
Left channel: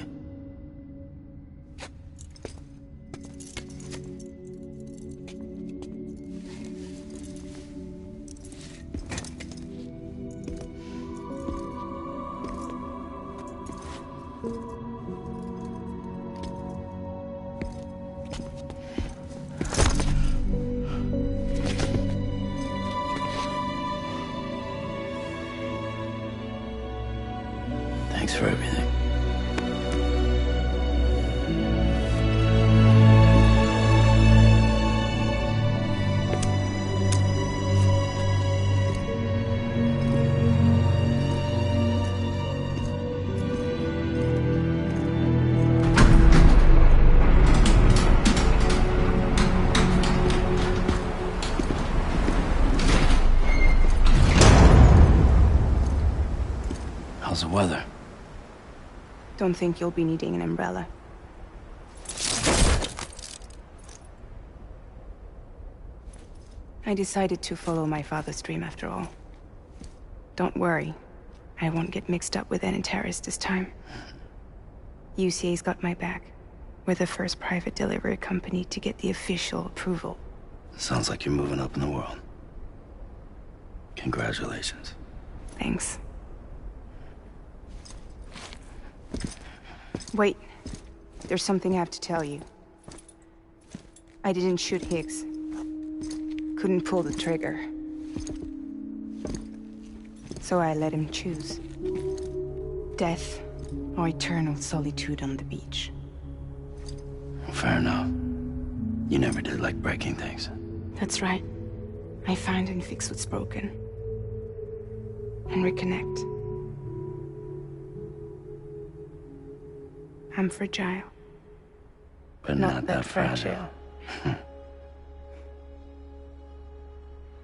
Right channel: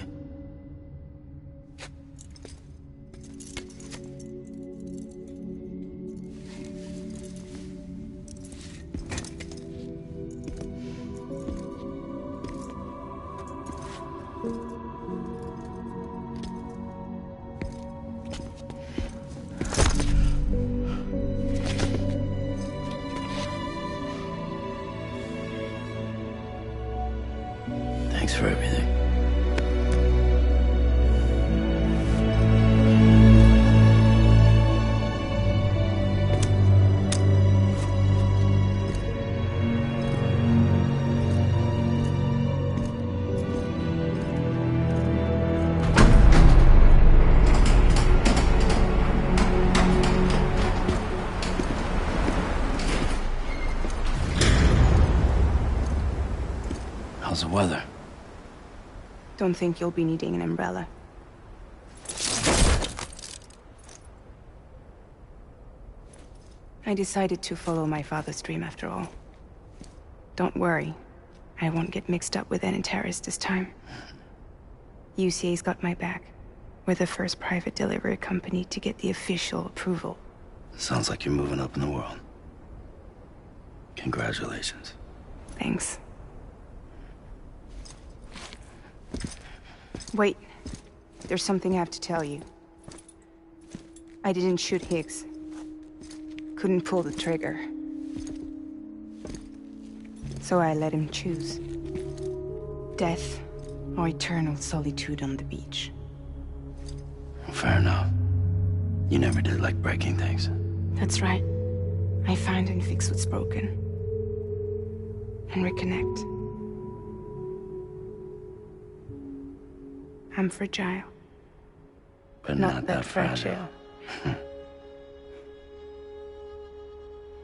Thanks for everything. How's the weather? Don't think you'll be needing an umbrella. I decided to follow my father's dream after all. Don't worry. I won't get mixed up with any terrorists this time. UCA's got my back. We're the first private delivery company to get the official approval. Sounds like you're moving up in the world. Congratulations. Thanks. Wait. There's something I have to tell you. I didn't shoot Higgs. Couldn't pull the trigger. So I let him choose. Death or eternal solitude on the beach. Fair enough. You never did like breaking things. That's right. I find and fix what's broken. And reconnect. I'm fragile. But not that fragile.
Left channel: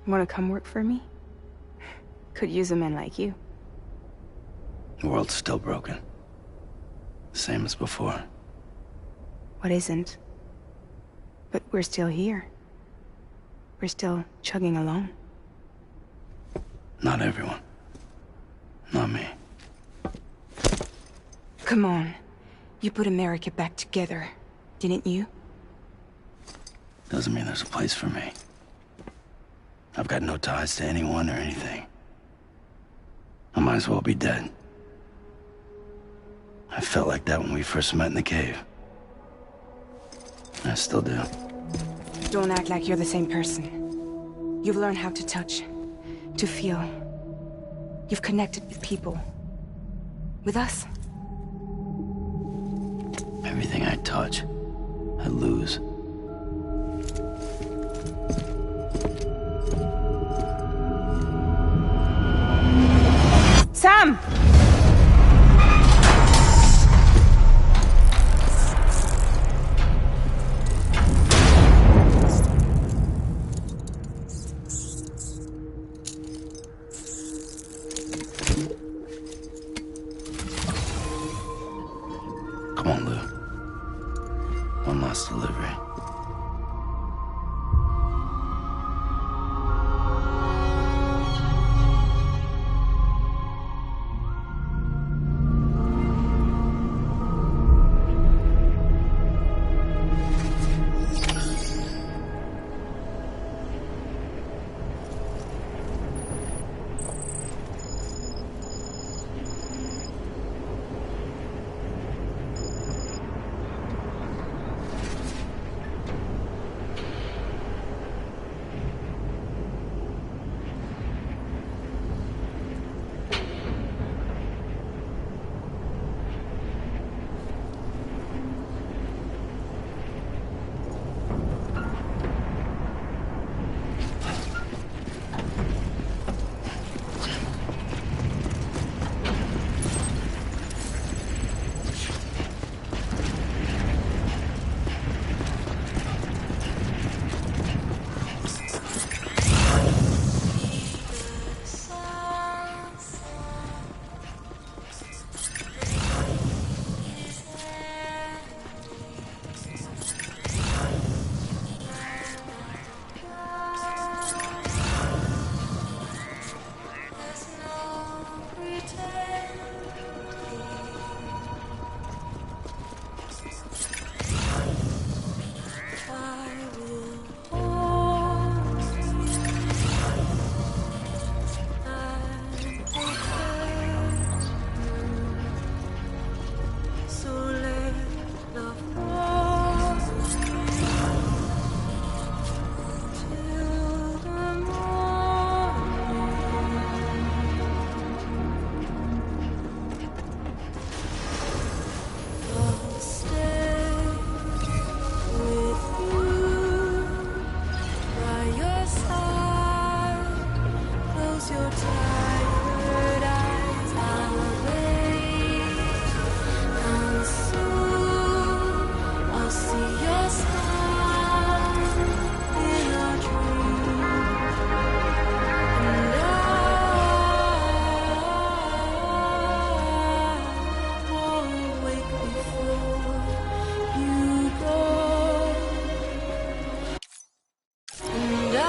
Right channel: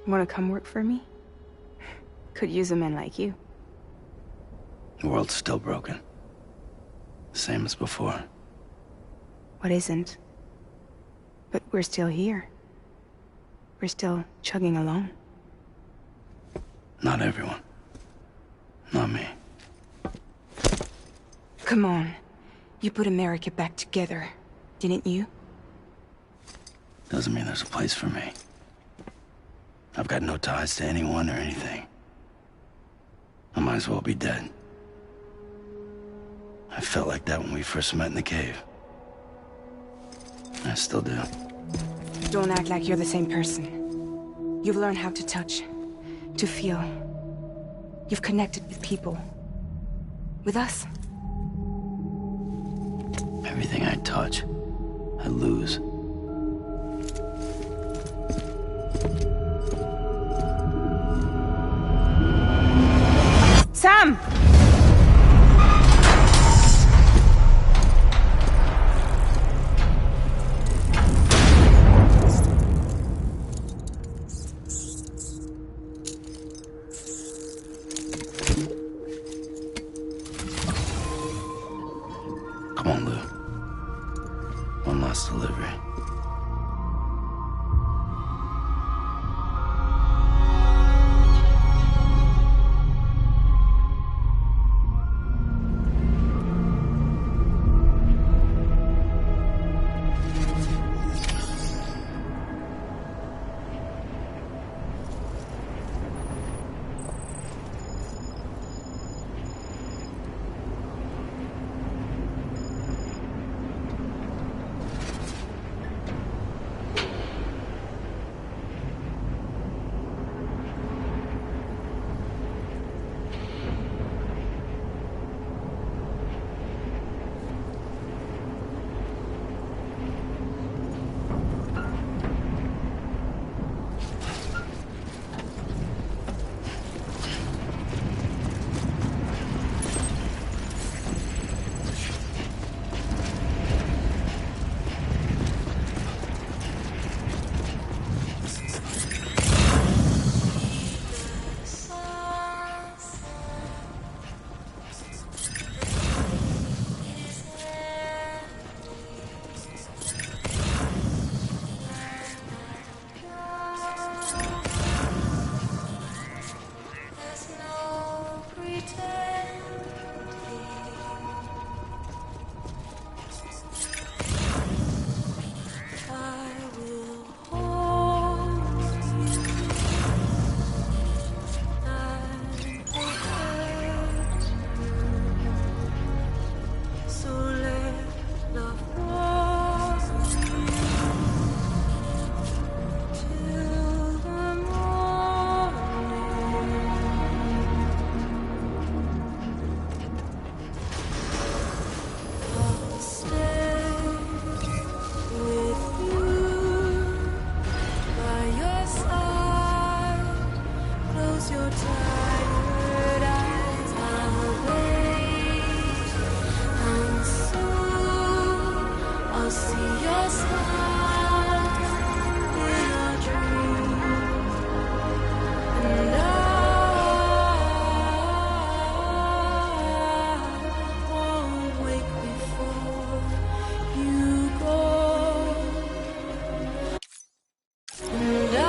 Wanna come work for me? Could use a man like you. The world's still broken. Same as before. What isn't? But we're still here. We're still chugging along. Not everyone. Not me. Come on. You put America back together, didn't you? Doesn't mean there's a place for me. I've got no ties to anyone or anything. I might as well be dead. I felt like that when we first met in the cave. I still do. Don't act like you're the same person. You've learned how to touch, to feel. You've connected with people. With us. Everything I touch, I lose. Sam! Come on, Lou. One last delivery. close your tired eyes. I'll wait, and soon I'll see your smile in a dream, and I won't wake before you go. And I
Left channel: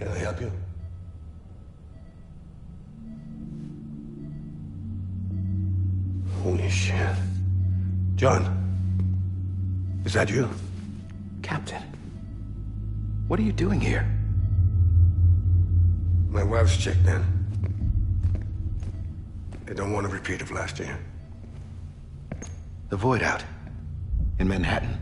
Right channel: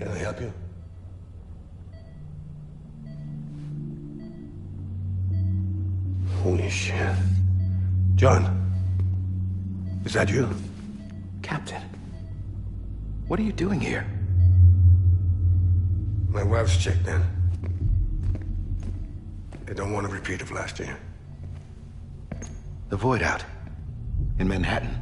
Can I help you? Holy shit. John, is that you? Captain, what are you doing here? My wife's checked in. They don't want a repeat of last year. The Void Out in Manhattan.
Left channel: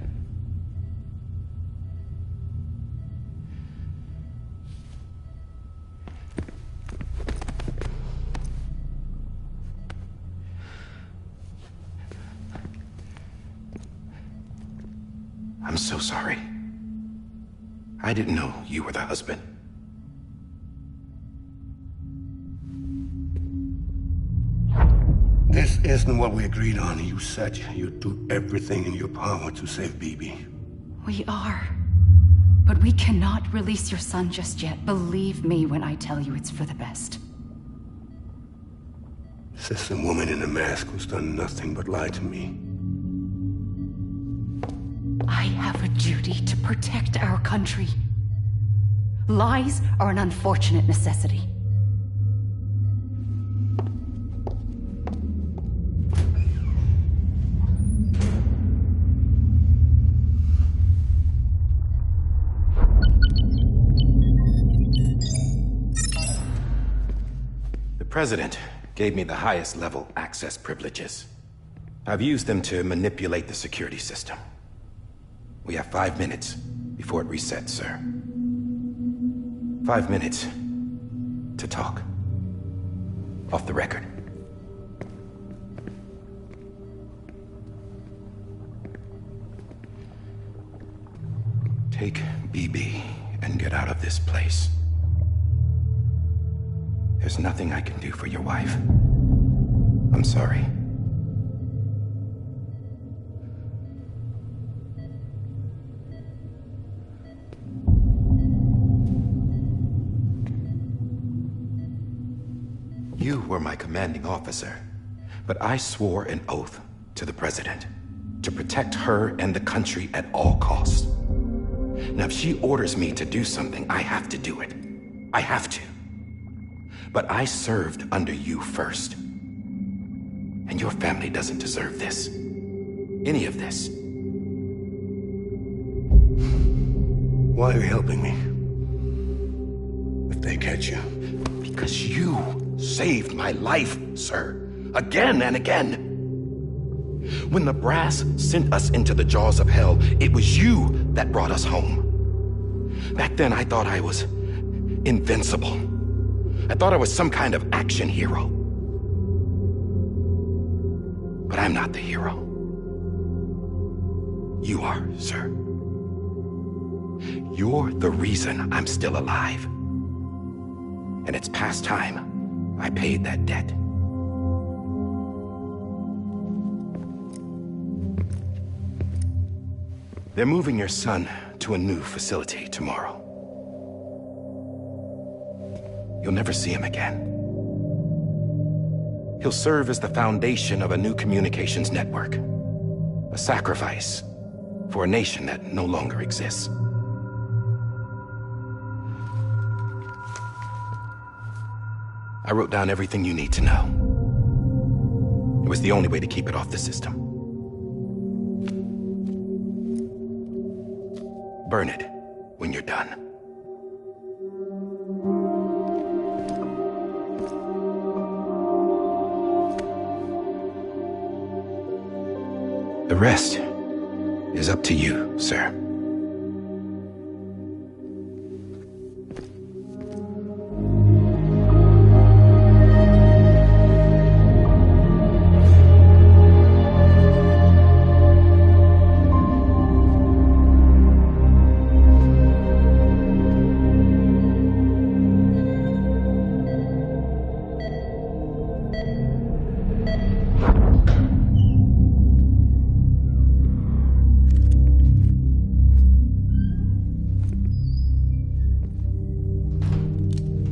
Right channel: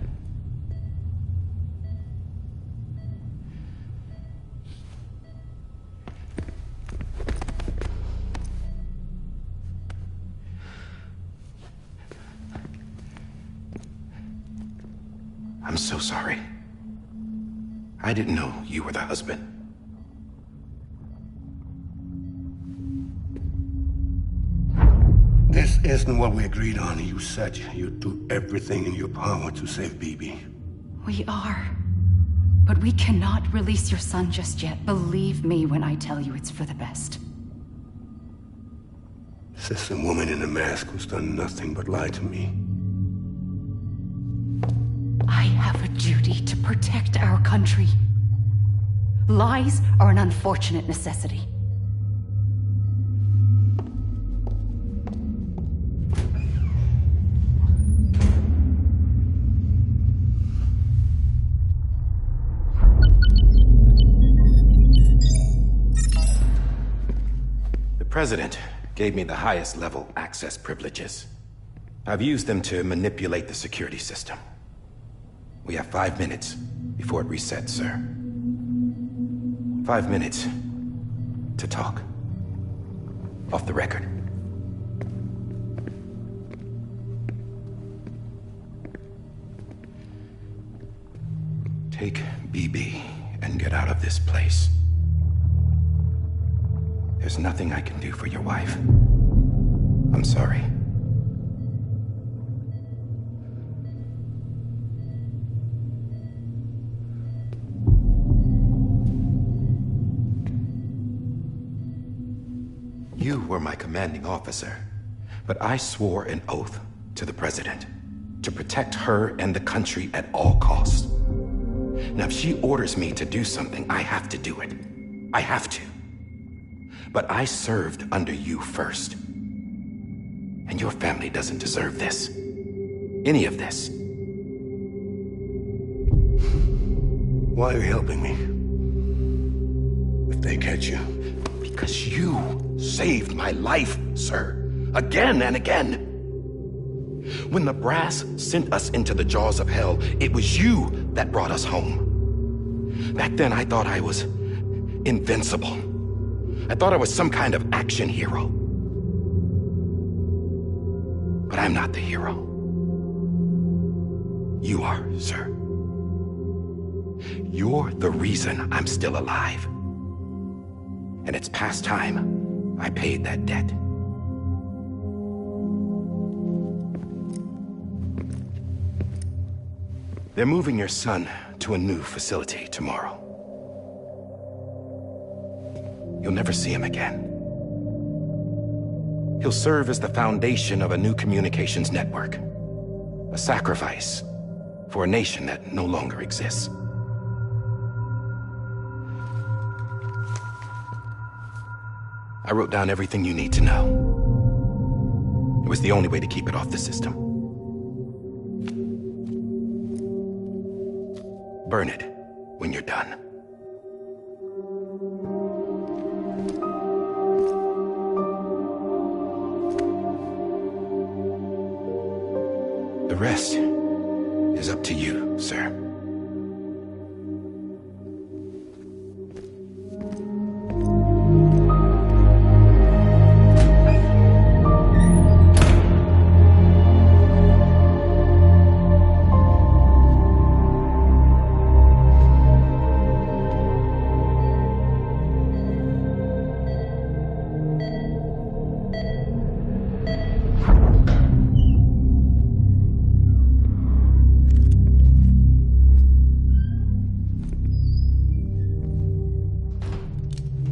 I'm so sorry. I didn't know you were the husband. This isn't what we agreed on. You said you'd do everything in your power to save Bibi. We are. But we cannot release your son just yet. Believe me when I tell you it's for the best. This is a woman in a mask who's done nothing but lie to me. I have a duty to protect our country. Lies are an unfortunate necessity. The President gave me the highest level access privileges. I've used them to manipulate the security system. We have 5 minutes before it resets, sir. 5 minutes to talk. Off the record. Take BB and get out of this place. There's nothing I can do for your wife. I'm sorry. You were my commanding officer, but I swore an oath to the President to protect her and the country at all costs. Now, if she orders me to do something, I have to do it. I have to. But I served under you first. And your family doesn't deserve this. Any of this. Why are you helping me? If they catch you. Because you saved my life, sir. Again and again. When the brass sent us into the jaws of hell, it was you that brought us home. Back then, I thought I was invincible. I thought I was some kind of action hero. But I'm not the hero. You are, sir. You're the reason I'm still alive. And it's past time I paid that debt. They're moving your son to a new facility tomorrow. You'll never see him again. He'll serve as the foundation of a new communications network. A sacrifice for a nation that no longer exists. I wrote down everything you need to know. It was the only way to keep it off the system. Burn it when you're done. The rest is up to you, sir.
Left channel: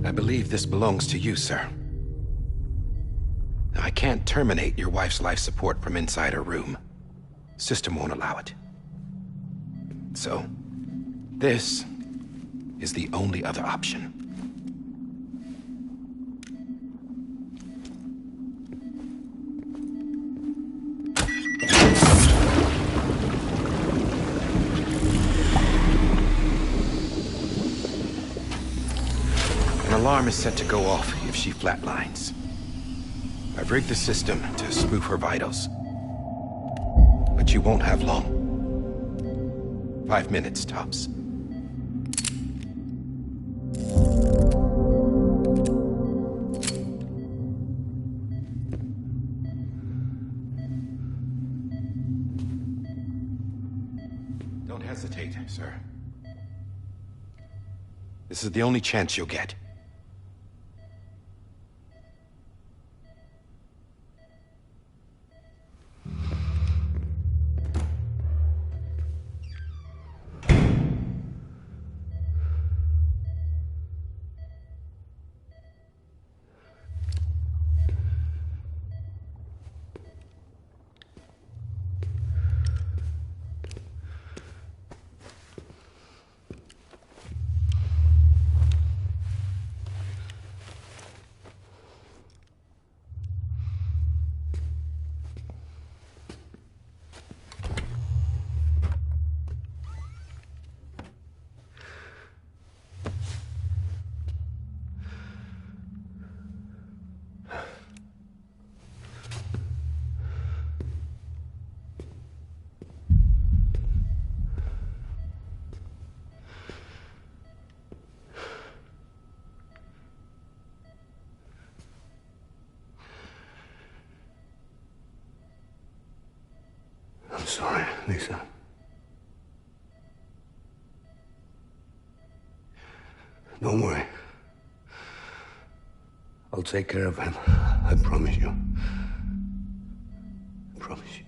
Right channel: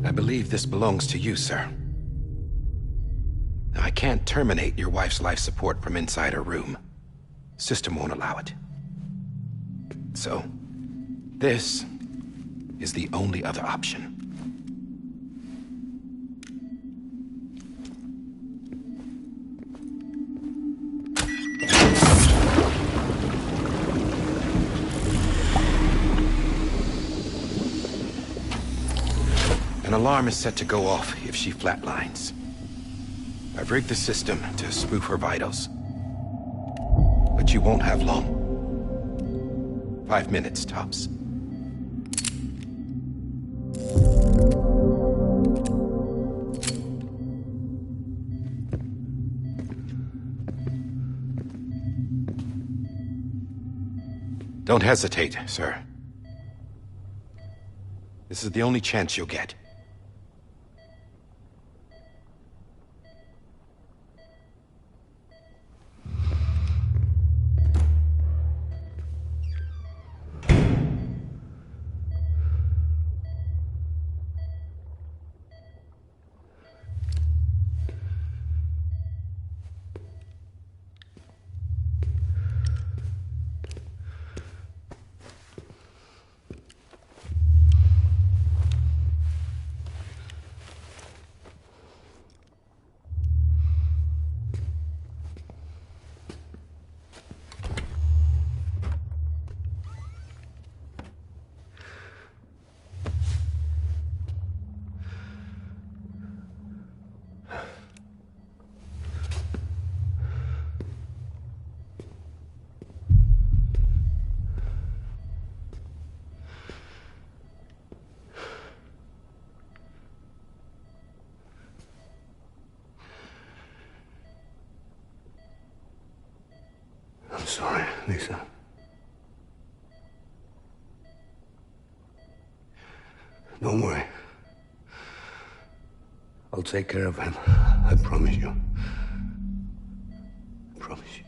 I believe this belongs to you, sir. Now, I can't terminate your wife's life support from inside her room. System won't allow it. So, this is the only other option. An alarm is set to go off if she flatlines. I've rigged the system to spoof her vitals. But you won't have long. 5 minutes, tops. Don't hesitate, sir. This is the only chance you'll get. I'm sorry, Lisa. Don't worry. I'll take care of him. I promise you. I promise you.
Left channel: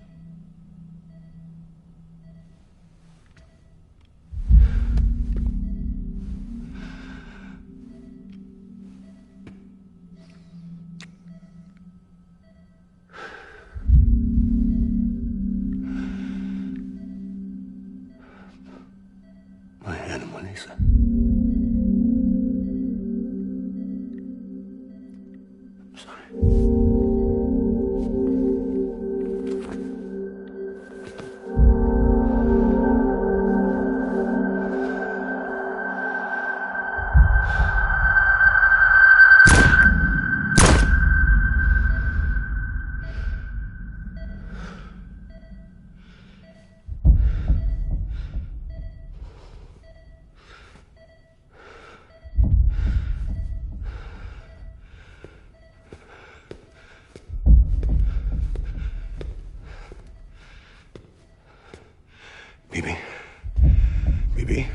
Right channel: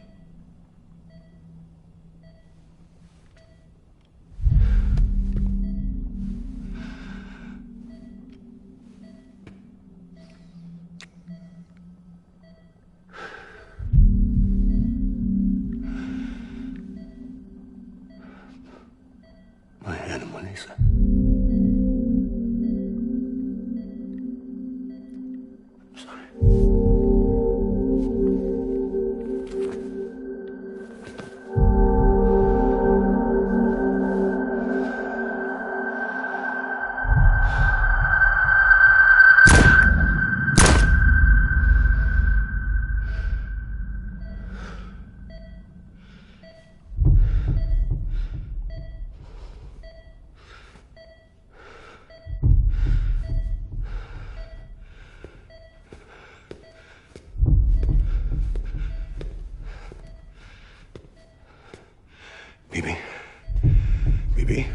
My animal, Lisa. I'm sorry. Bibi? Bibi?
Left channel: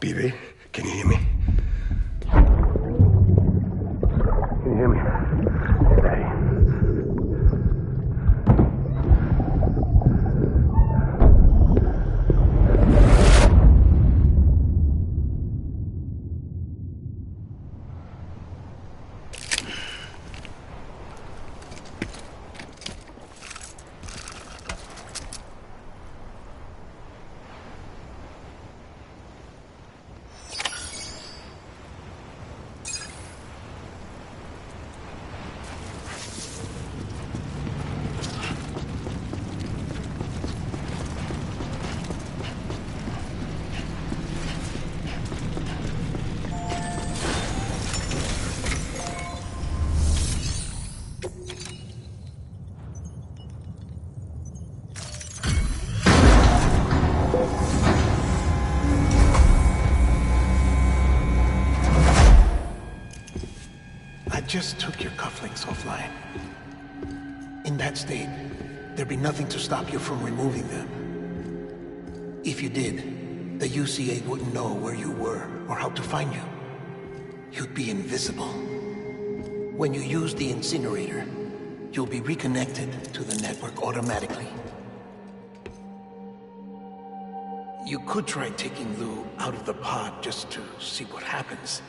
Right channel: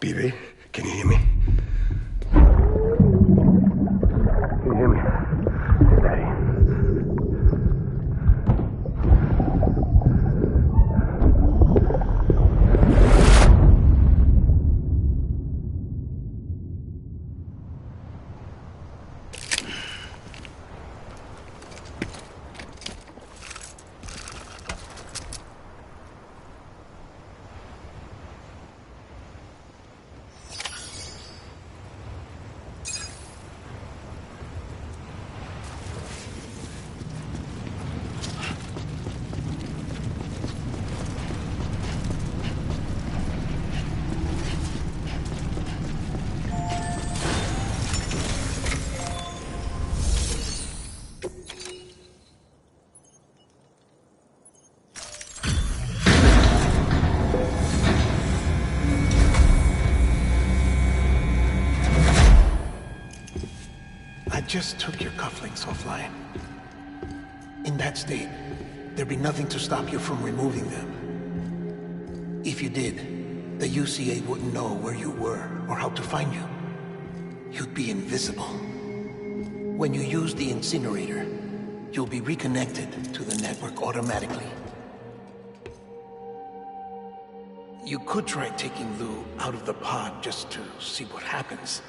Bibi, can you hear me? Can you hear me? Daddy. I just took your cufflinks offline. In that state, there'd be nothing to stop you from removing them. If you did, the UCA wouldn't know where you were or how to find you. You'd be invisible. When you use the incinerator, you'll be reconnected to the network automatically. You could try taking Lou out of the pod just to see what happens.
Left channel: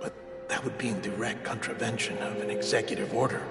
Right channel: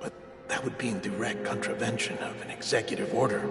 But that would be in direct contravention of an executive order.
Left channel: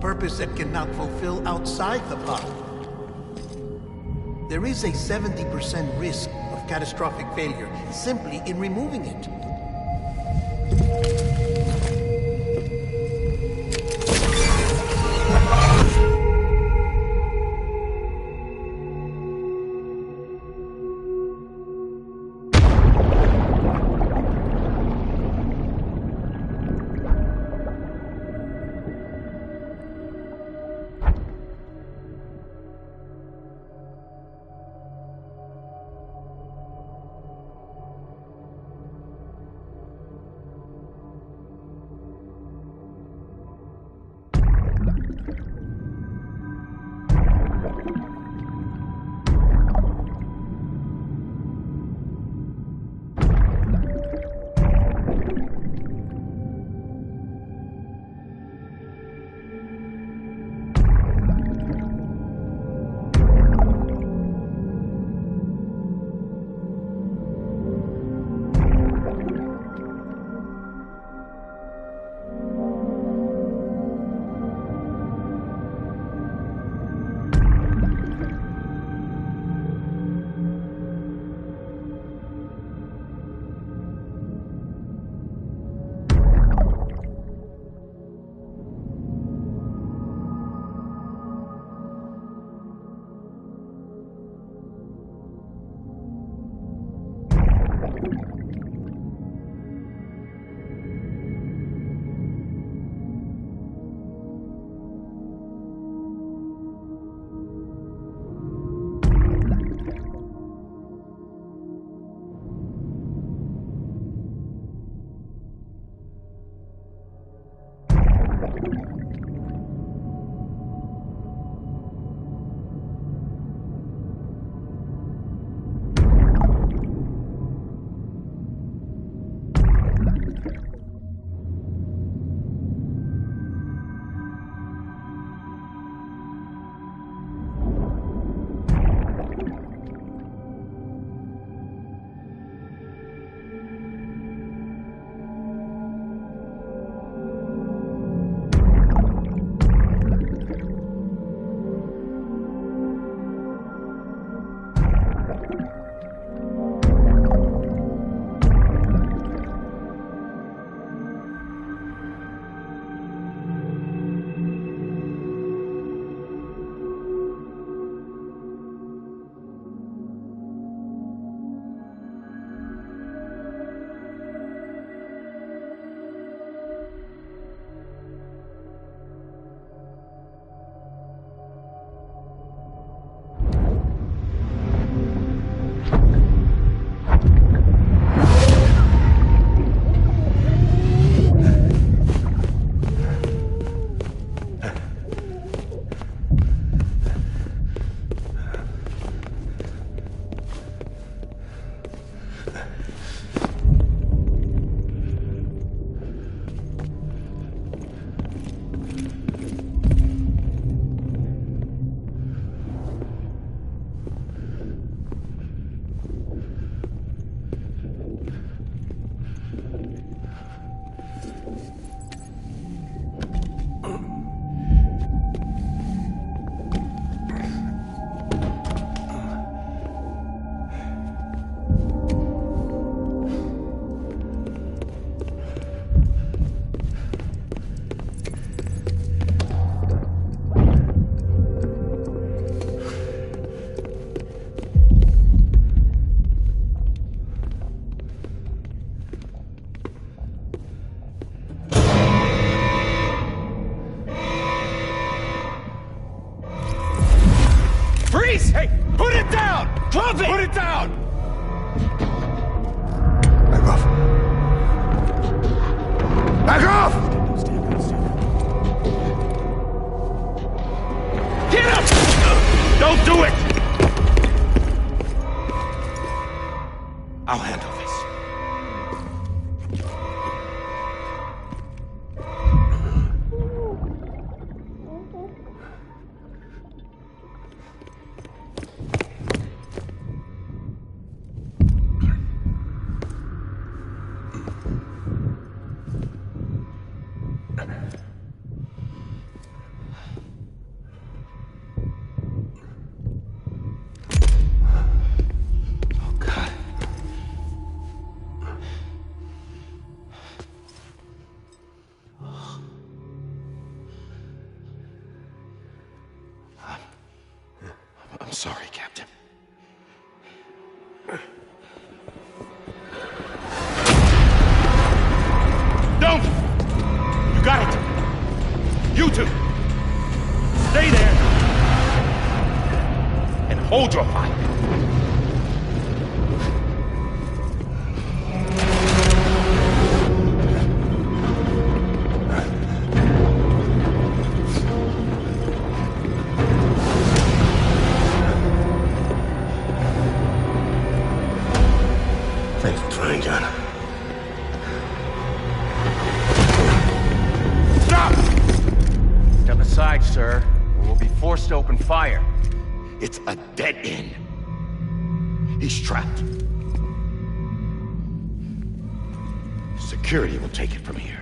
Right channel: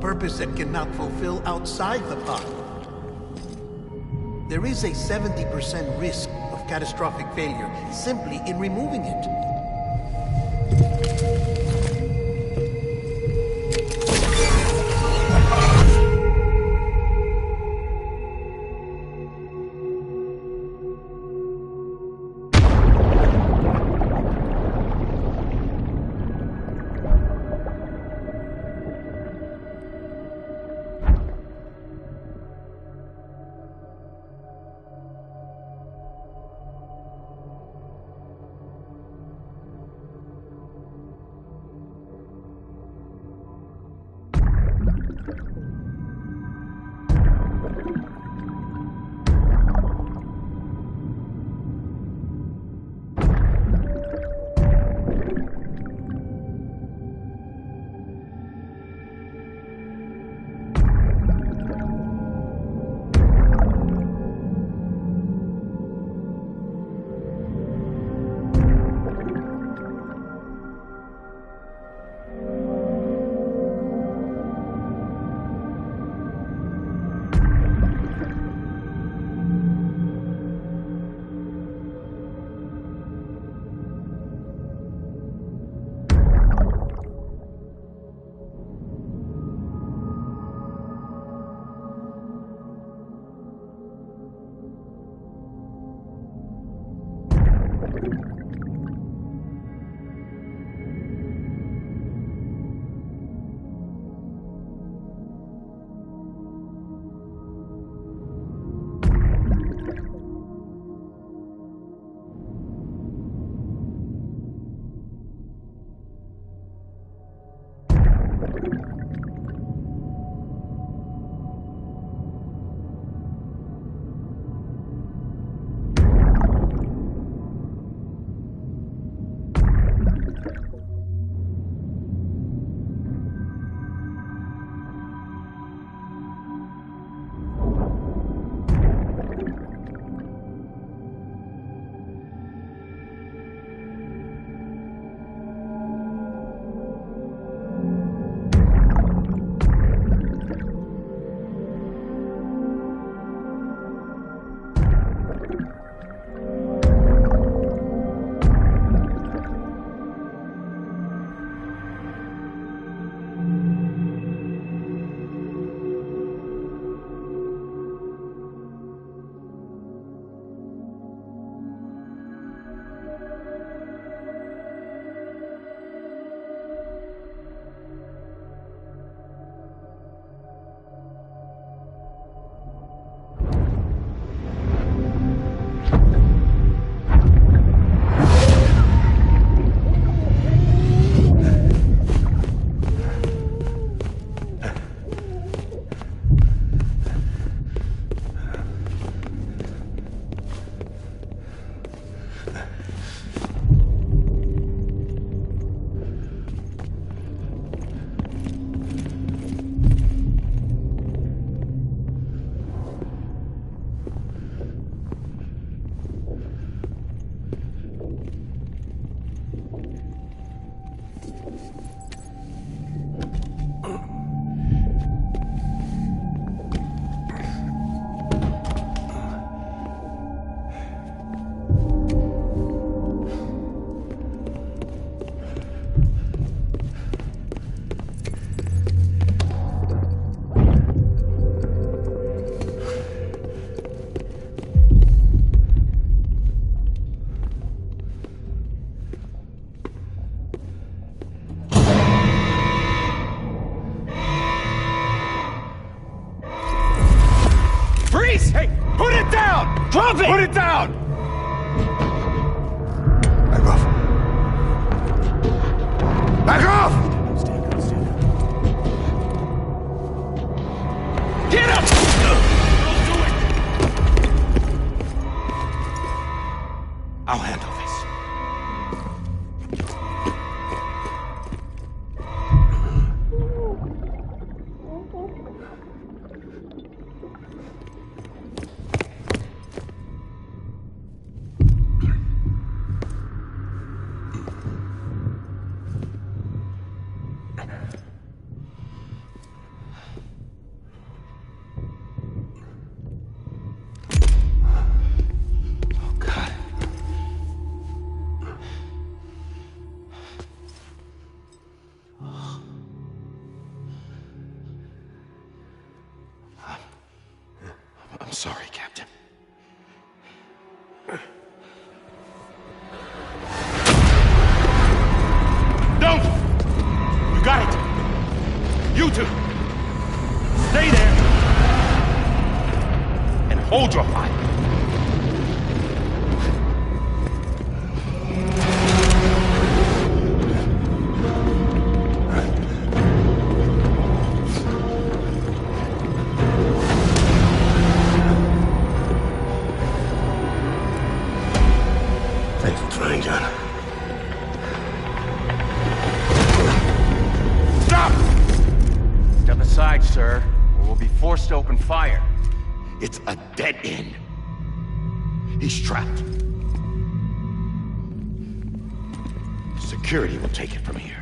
purpose it cannot fulfill outside the pod. There is a 70% risk of catastrophic failure simply in removing it. Hey, put it down! Drop it! Put it down! Back off. Back off! Get up! Don't do it! I'll handle this. I'm sorry, Captain. Don't! You got it! You two! Stay there! And hold your fire! Thanks for trying, John. Stop! Step aside, sir, or we'll be forced to open fire. It's a dead end. He's trapped. Security will take it from here.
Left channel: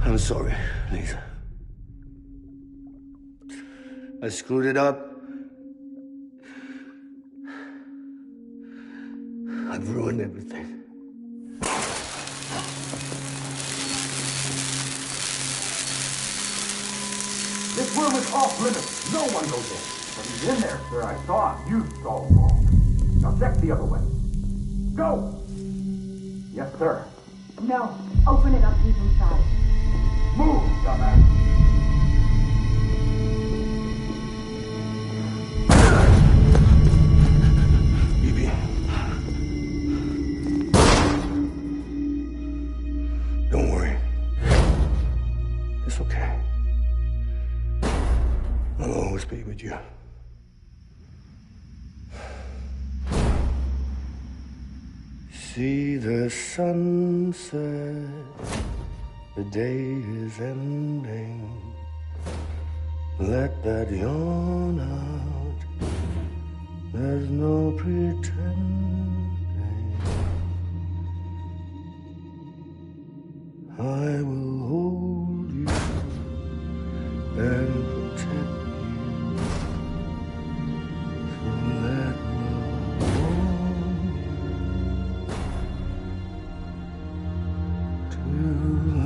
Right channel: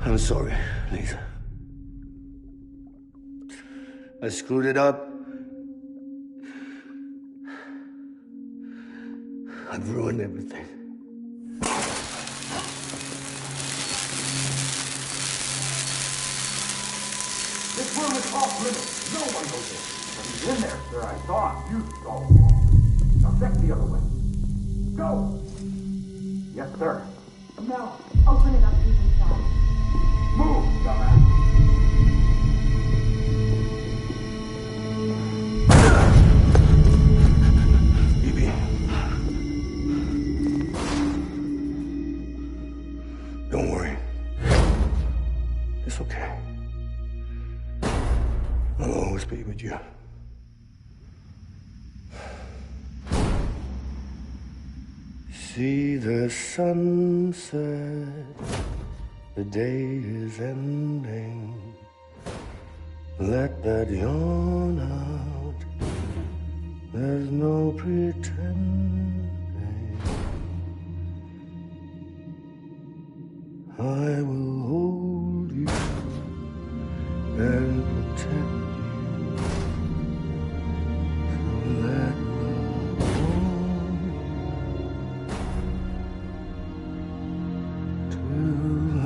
I'm sorry, Lisa. I screwed it up. I've ruined everything. This room is off limits. No one goes in. But he's in there, sir. I saw him. You saw him wrong. Now check the other way. Go! Yes, sir. No. Open it up. He's inside. Move, dumbass! Evie. Don't worry. It's okay. I'll always be with you. See the sunset. The day is ending. Let that yawn out. There's no pretending. I will hold you and protect you. So let love warm you to the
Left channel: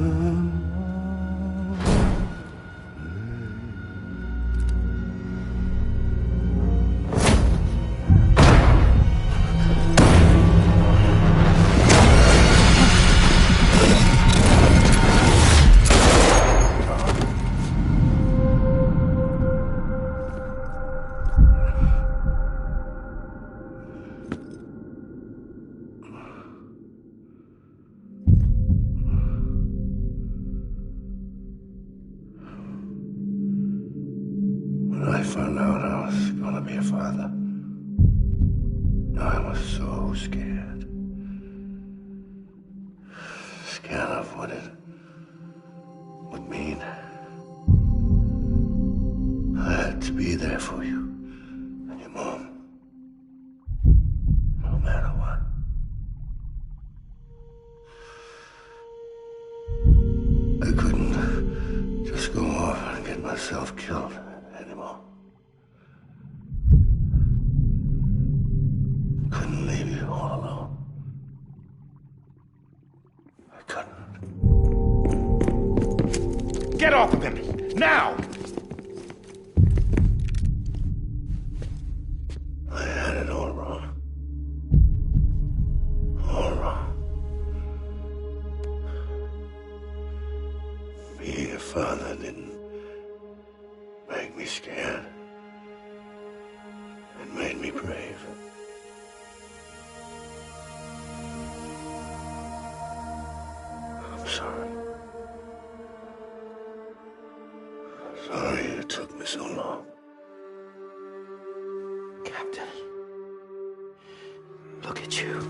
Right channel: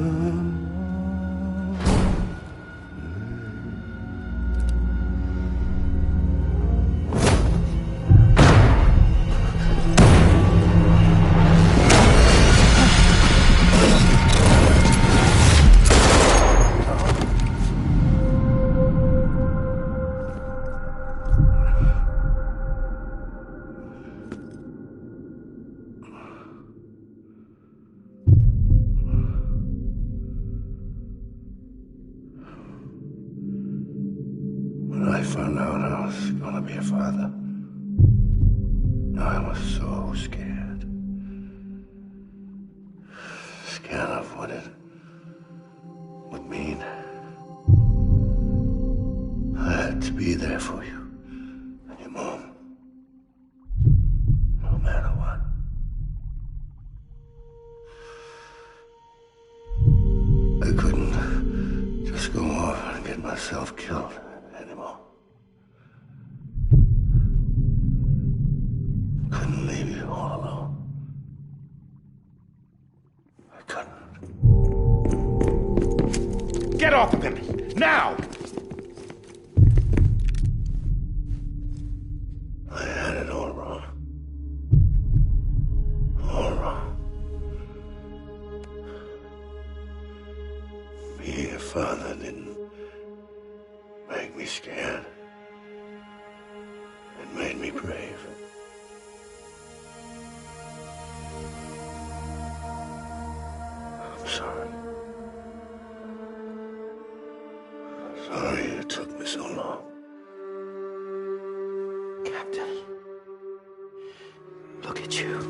When I found out I was gonna be a father, I was so scared. Scared of what it would mean. I had to be there for you and your mom. myself killed anymore. Couldn't leave you all alone. I couldn't. Get off of him! Now! I had it all wrong. All wrong. Being a father didn't make me scared. It made me brave. I'm sorry. Sorry it took me so long. Captain, look at you.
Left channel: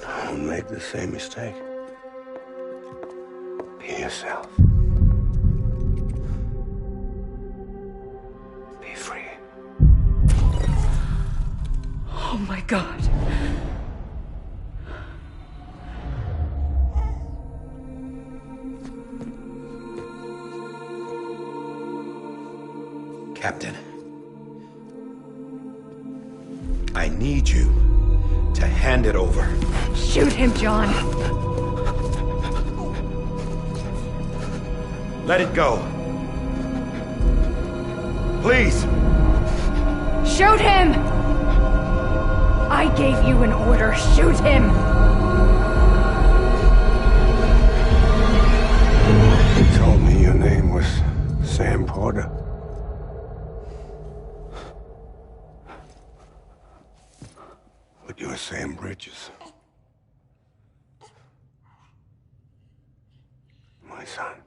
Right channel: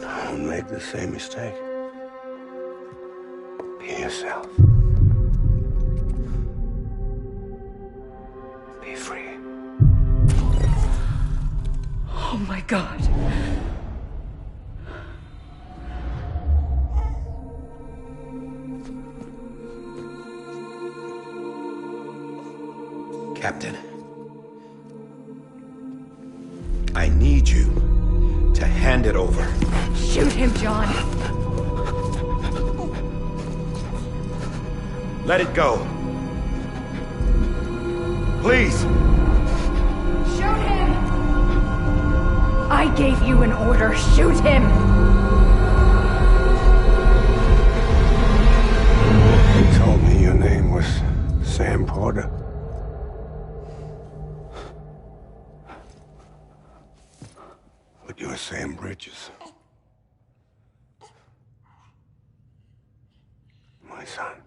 Don't make the same mistake. Be yourself. Be free. Oh my God. Captain, I need you to hand it over. Shoot him, John. Let it go. Please. Shoot him! I gave you an order. Shoot him! You told me your name was Sam Porter. But you're Sam Bridges. My son.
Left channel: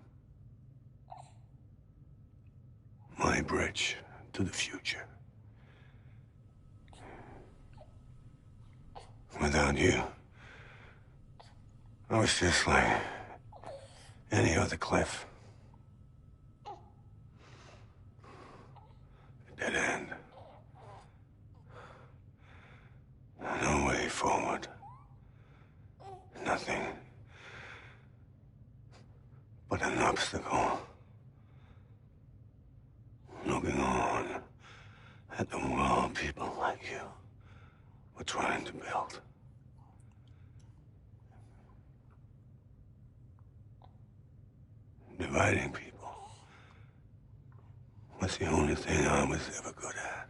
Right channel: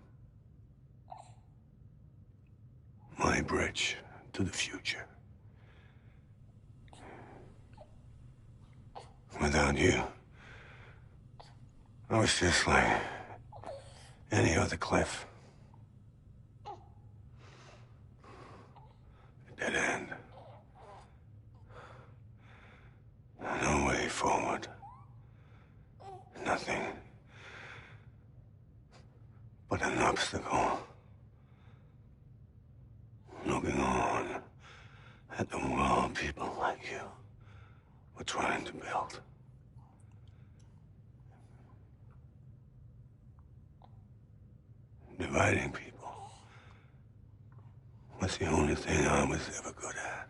My bridge to the future. Without you, I was just like any other Cliff. A dead end. No way forward. Nothing but an obstacle. Looking on at the world people like you were trying to build. Dividing people was the only thing I was ever good at.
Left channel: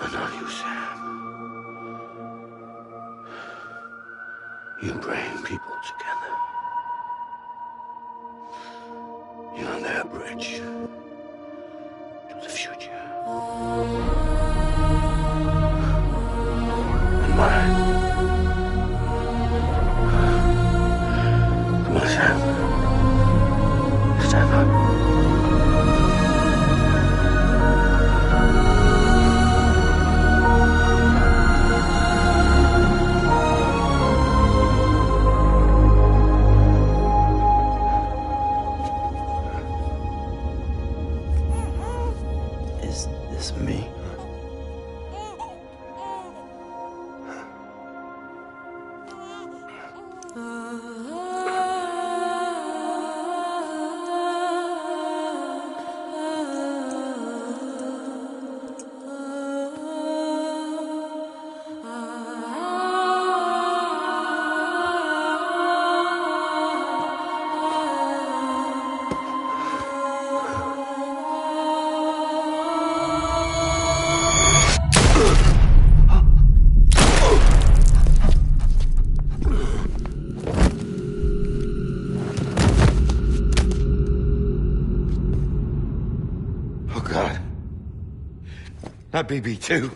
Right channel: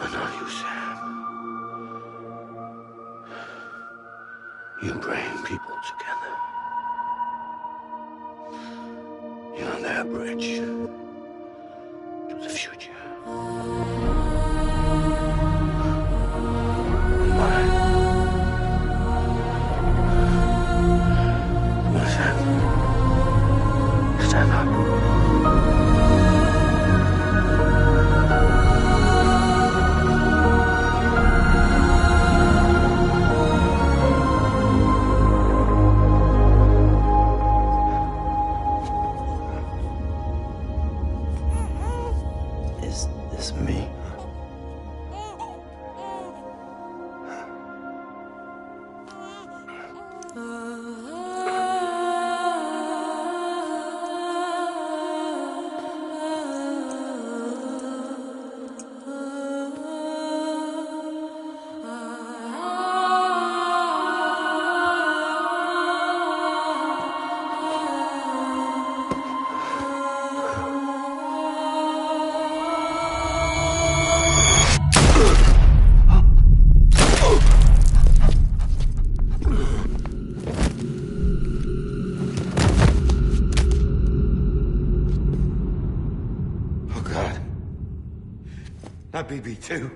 But not you, Sam. You bring people together. You're their bridge to the future. And mine. Come on, Sam. Stand up. Is this me? Oh, God. Not BB-2.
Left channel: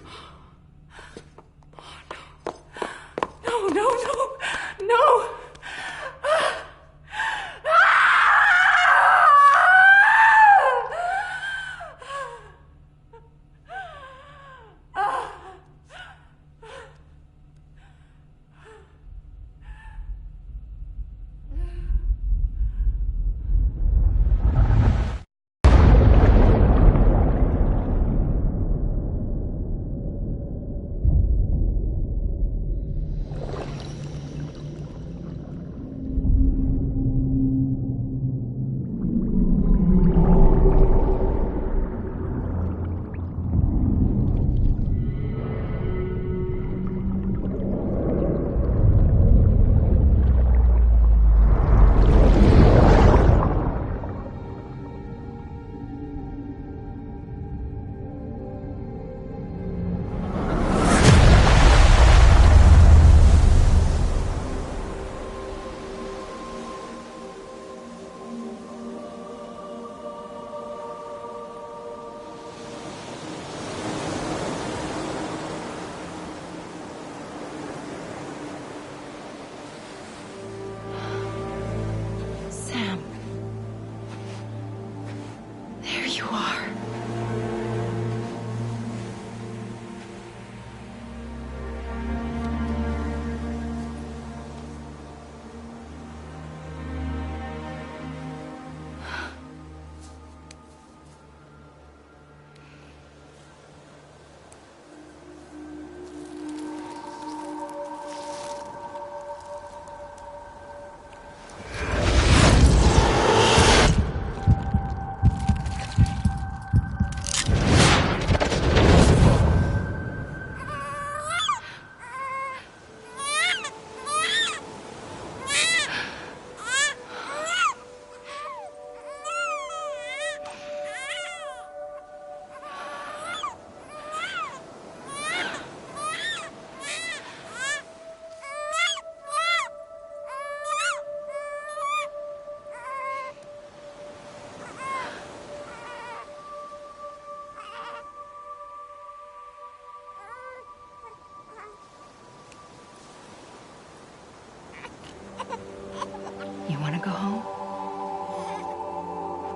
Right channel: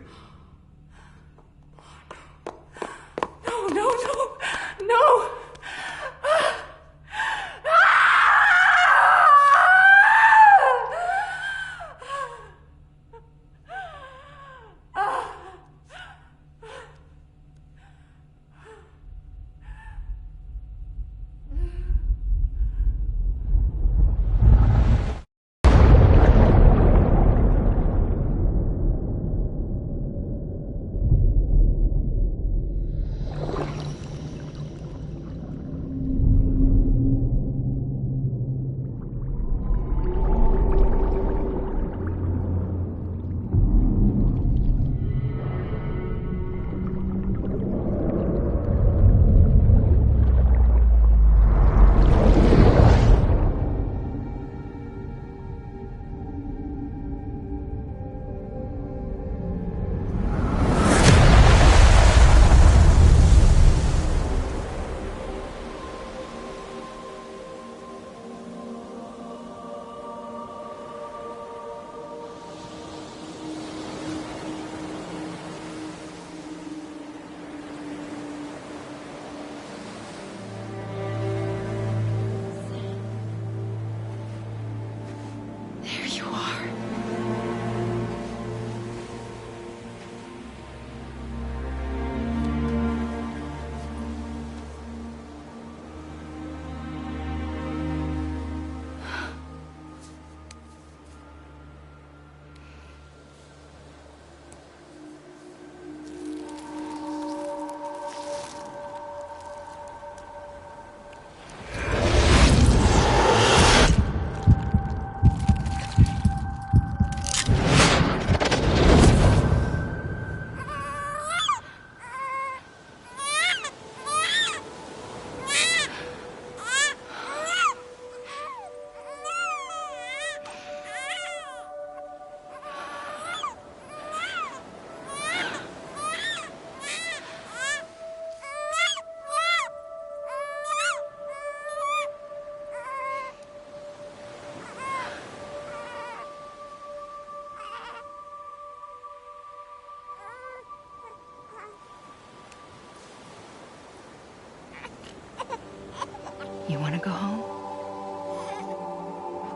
go home?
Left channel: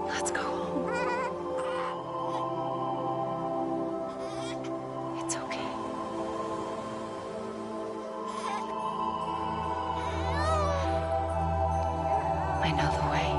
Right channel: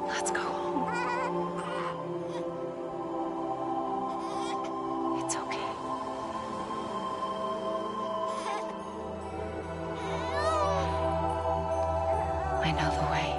Let's go home. It's okay. I know the way.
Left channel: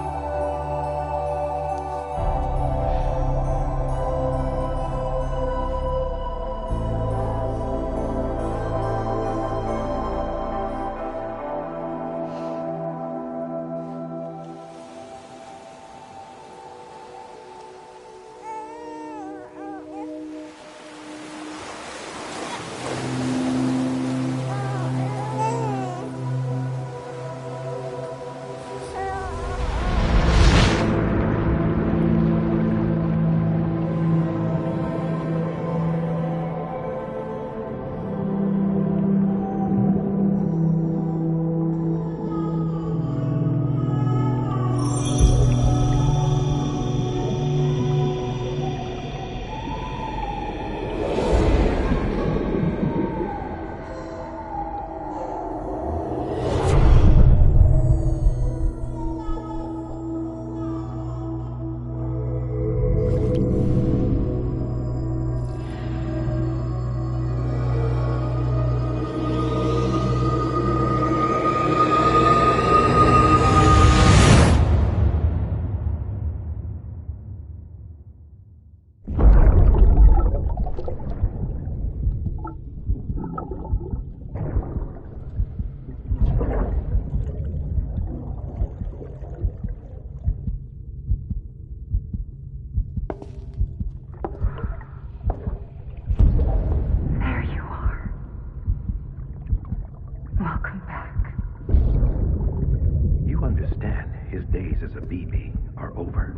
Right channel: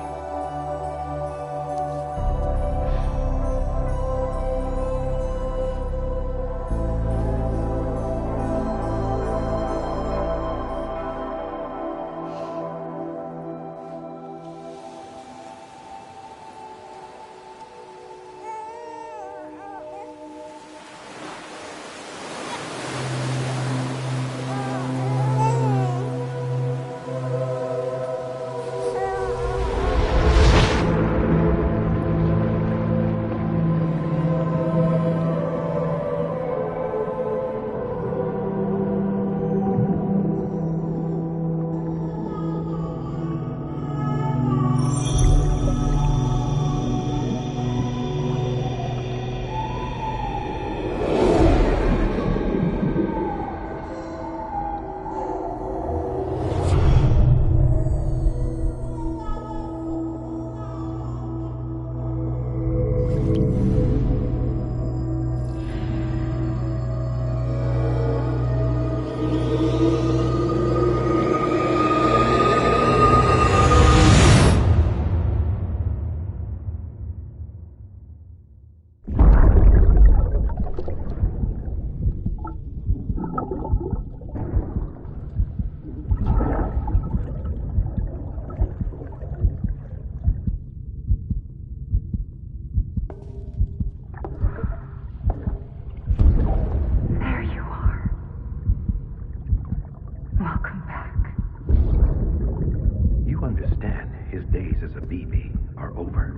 His days as a BB are over,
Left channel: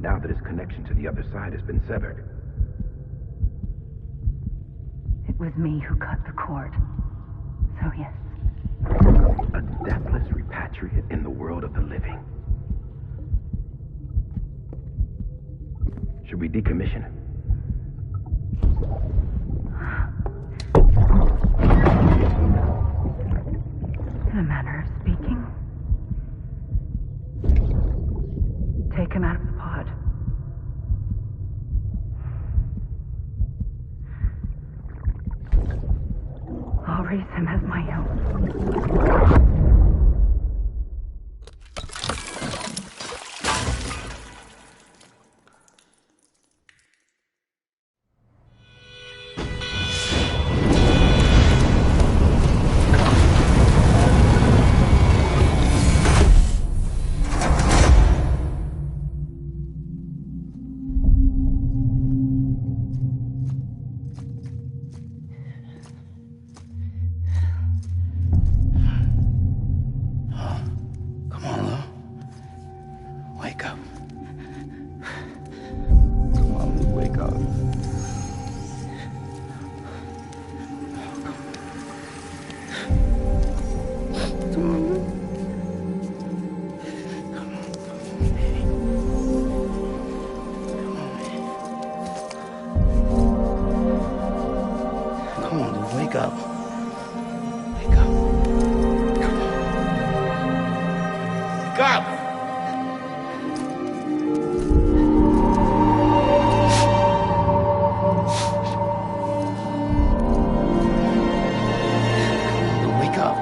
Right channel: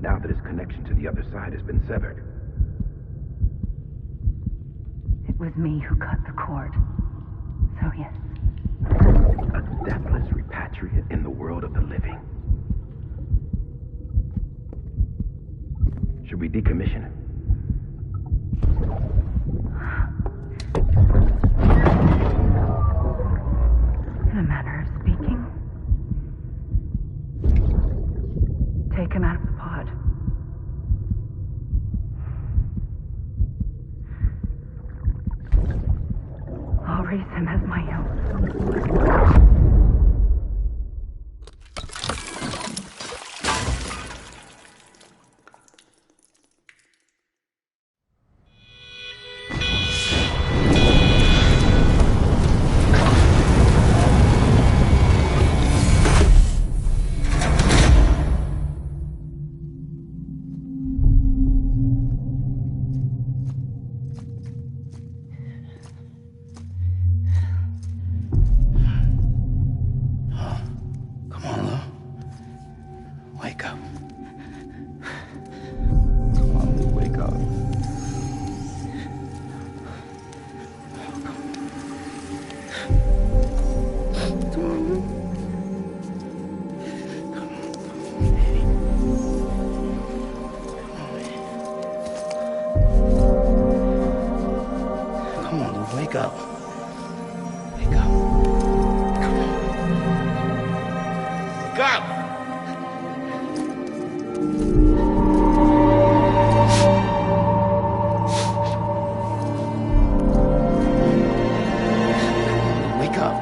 now that his connection to the other side has been severed. It was me who cut the cord. So yes. A deathless repatriate in the world of the living. Should we decommission him? In a manner of speaking. Take him out of the pod. I'll raise him as my own. Come on, Lou, wake up. Wake up. Come on. Wake up! Wake up.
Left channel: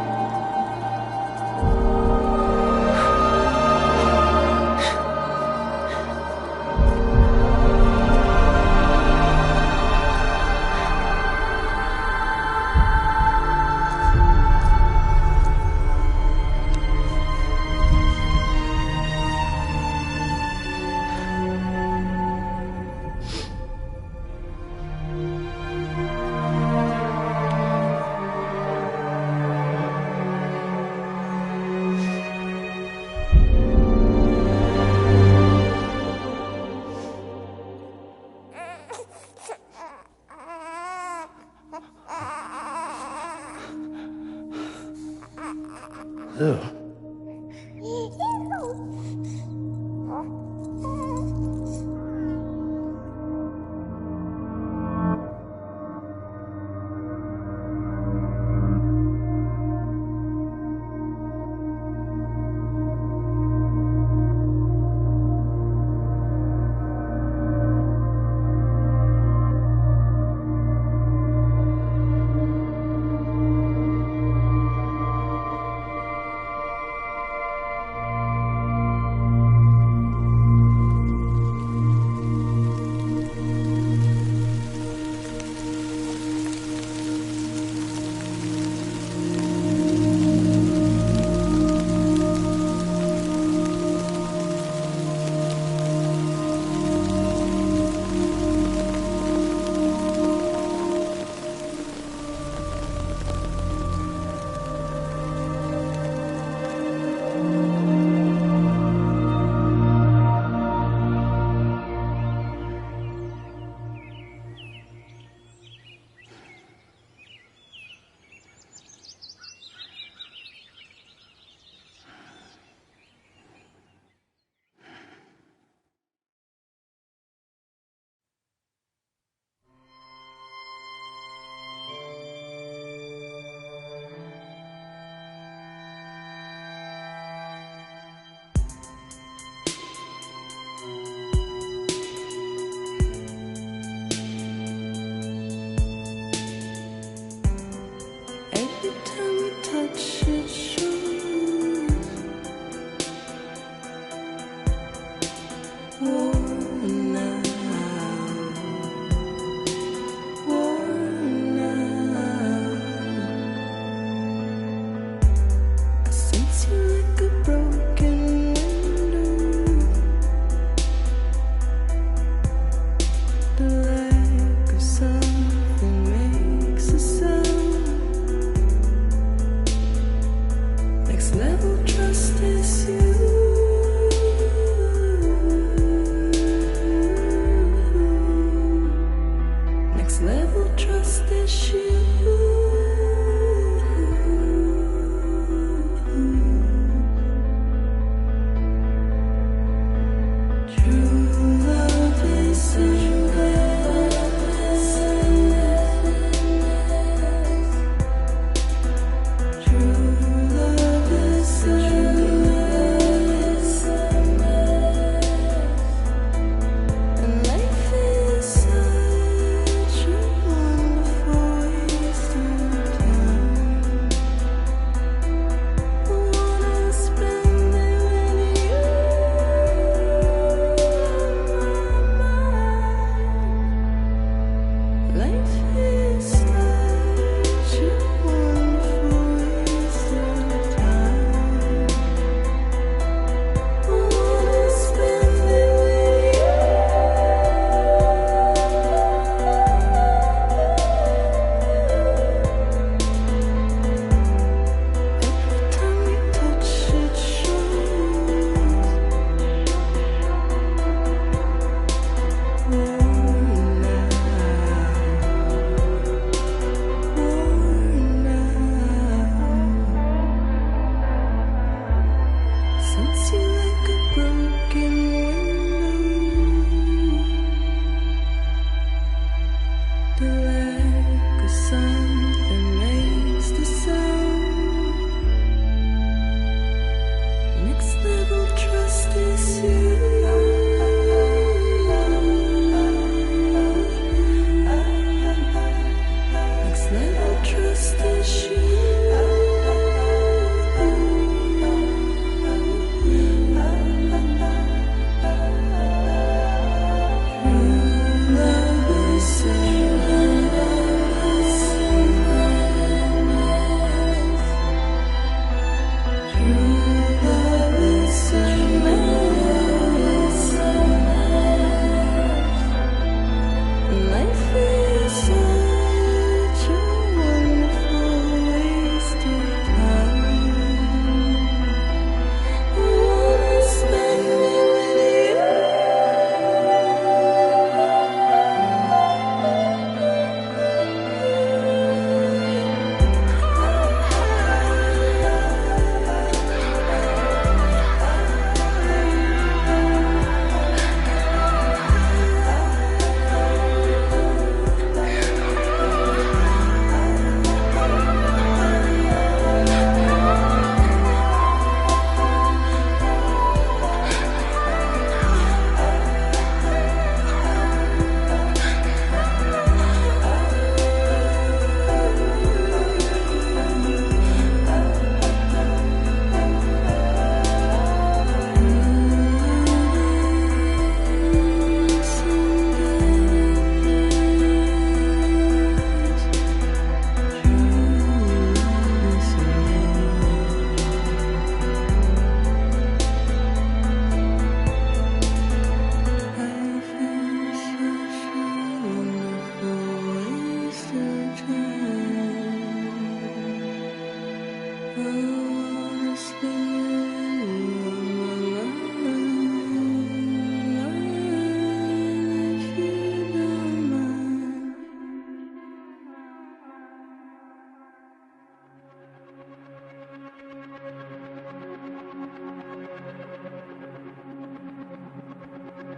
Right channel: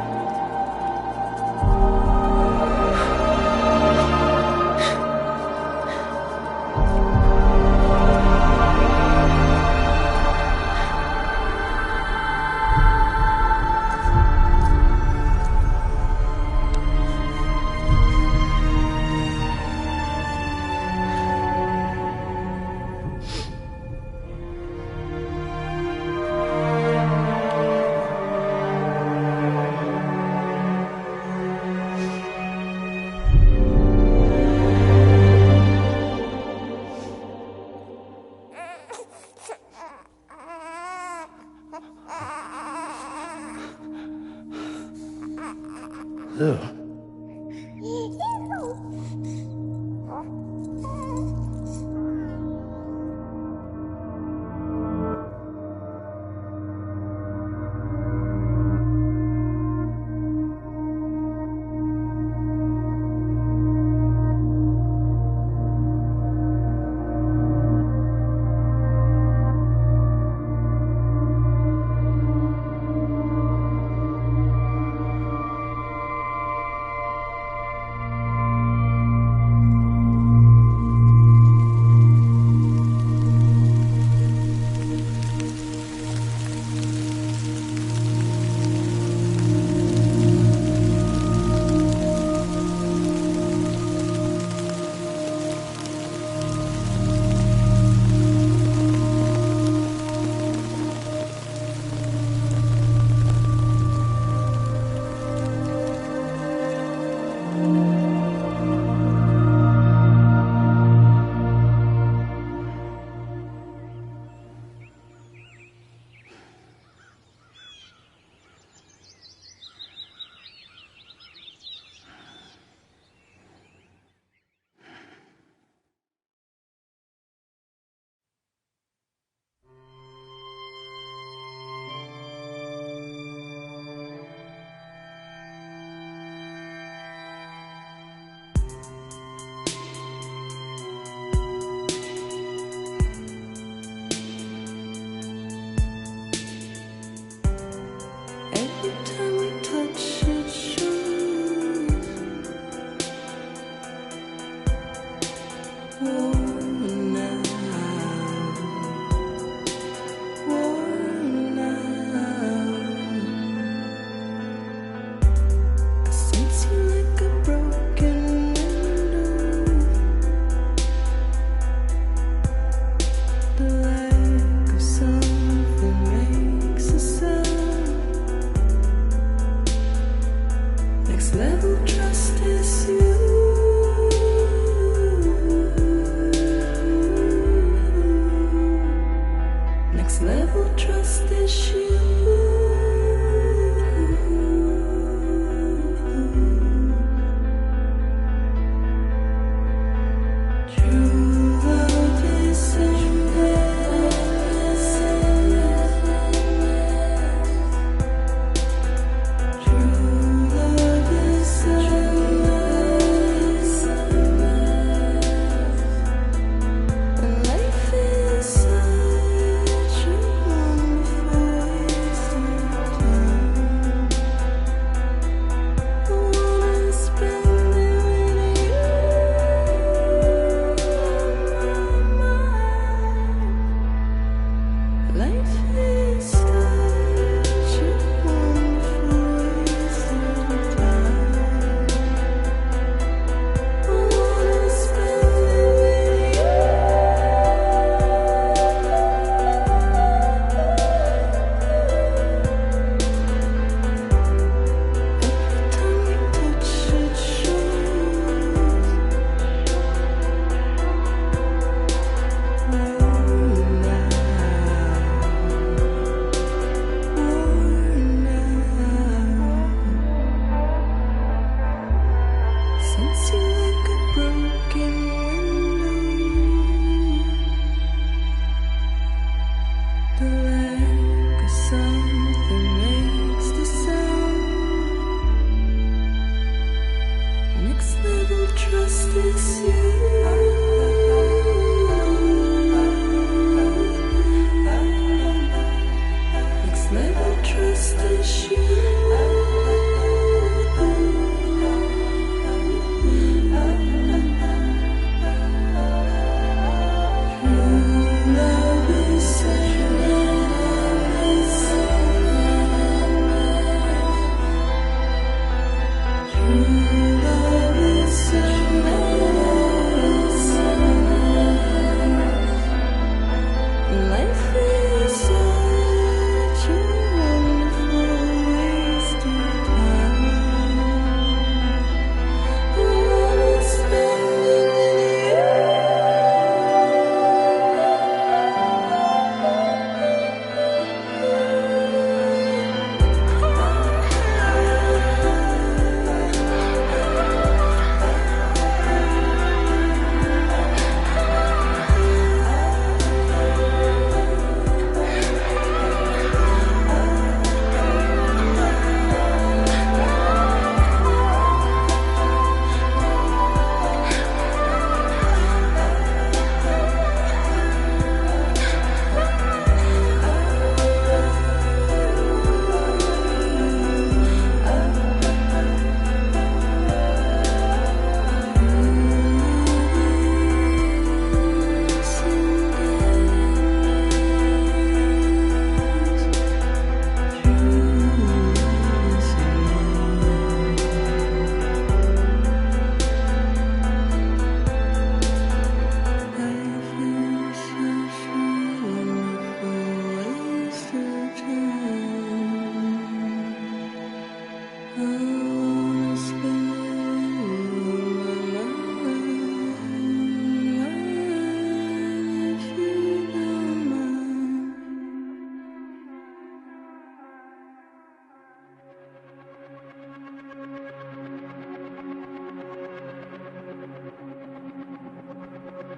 worn out, worn out. I sense you like a broken window. The lack of something makes a sound. Next level trust is you. Next level trust is you. True love is endless. True love is endless. And life is such a wonderful waste of time. I wanna spend it with you on my mind. Life is such a wonderful waste of time. I wanna spend it with you. Every time we touch it shows. Worn out, worn out. Sense you like a broken window. The lack of something makes the sound. Next level trust is you. Next level trust is you. True love is endless. True love is endless. Life is such a wonderful waste of time. I wanna spend it with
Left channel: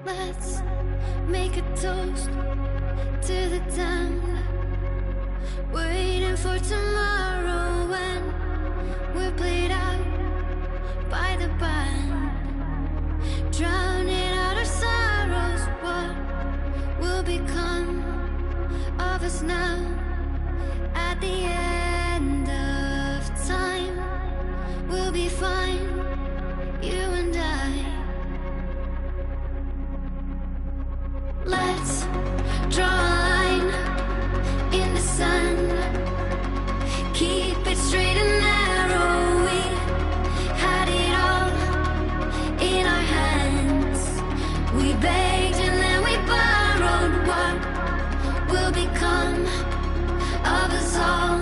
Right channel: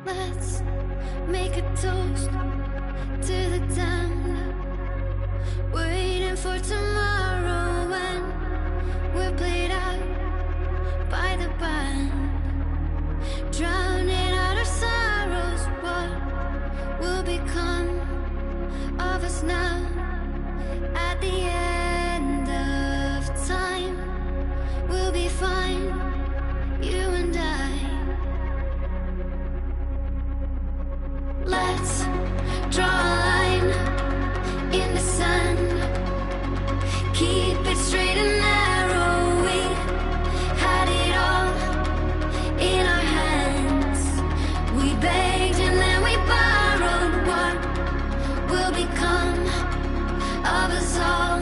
Let's make a toast to the damned. Waiting for tomorrow when we're played out by the band. Drowning out our sorrows, what will become of us now? At the end of time, we'll be fine, you and I. True love is endless. True love is endless. And life is such a wonderful waste of time. I wanna spend it with you on my mind. Life is such a wonderful waste of time. I wanna spend it with you. We'll be fine, you and I. begged and then we borrowed. What will become of us all?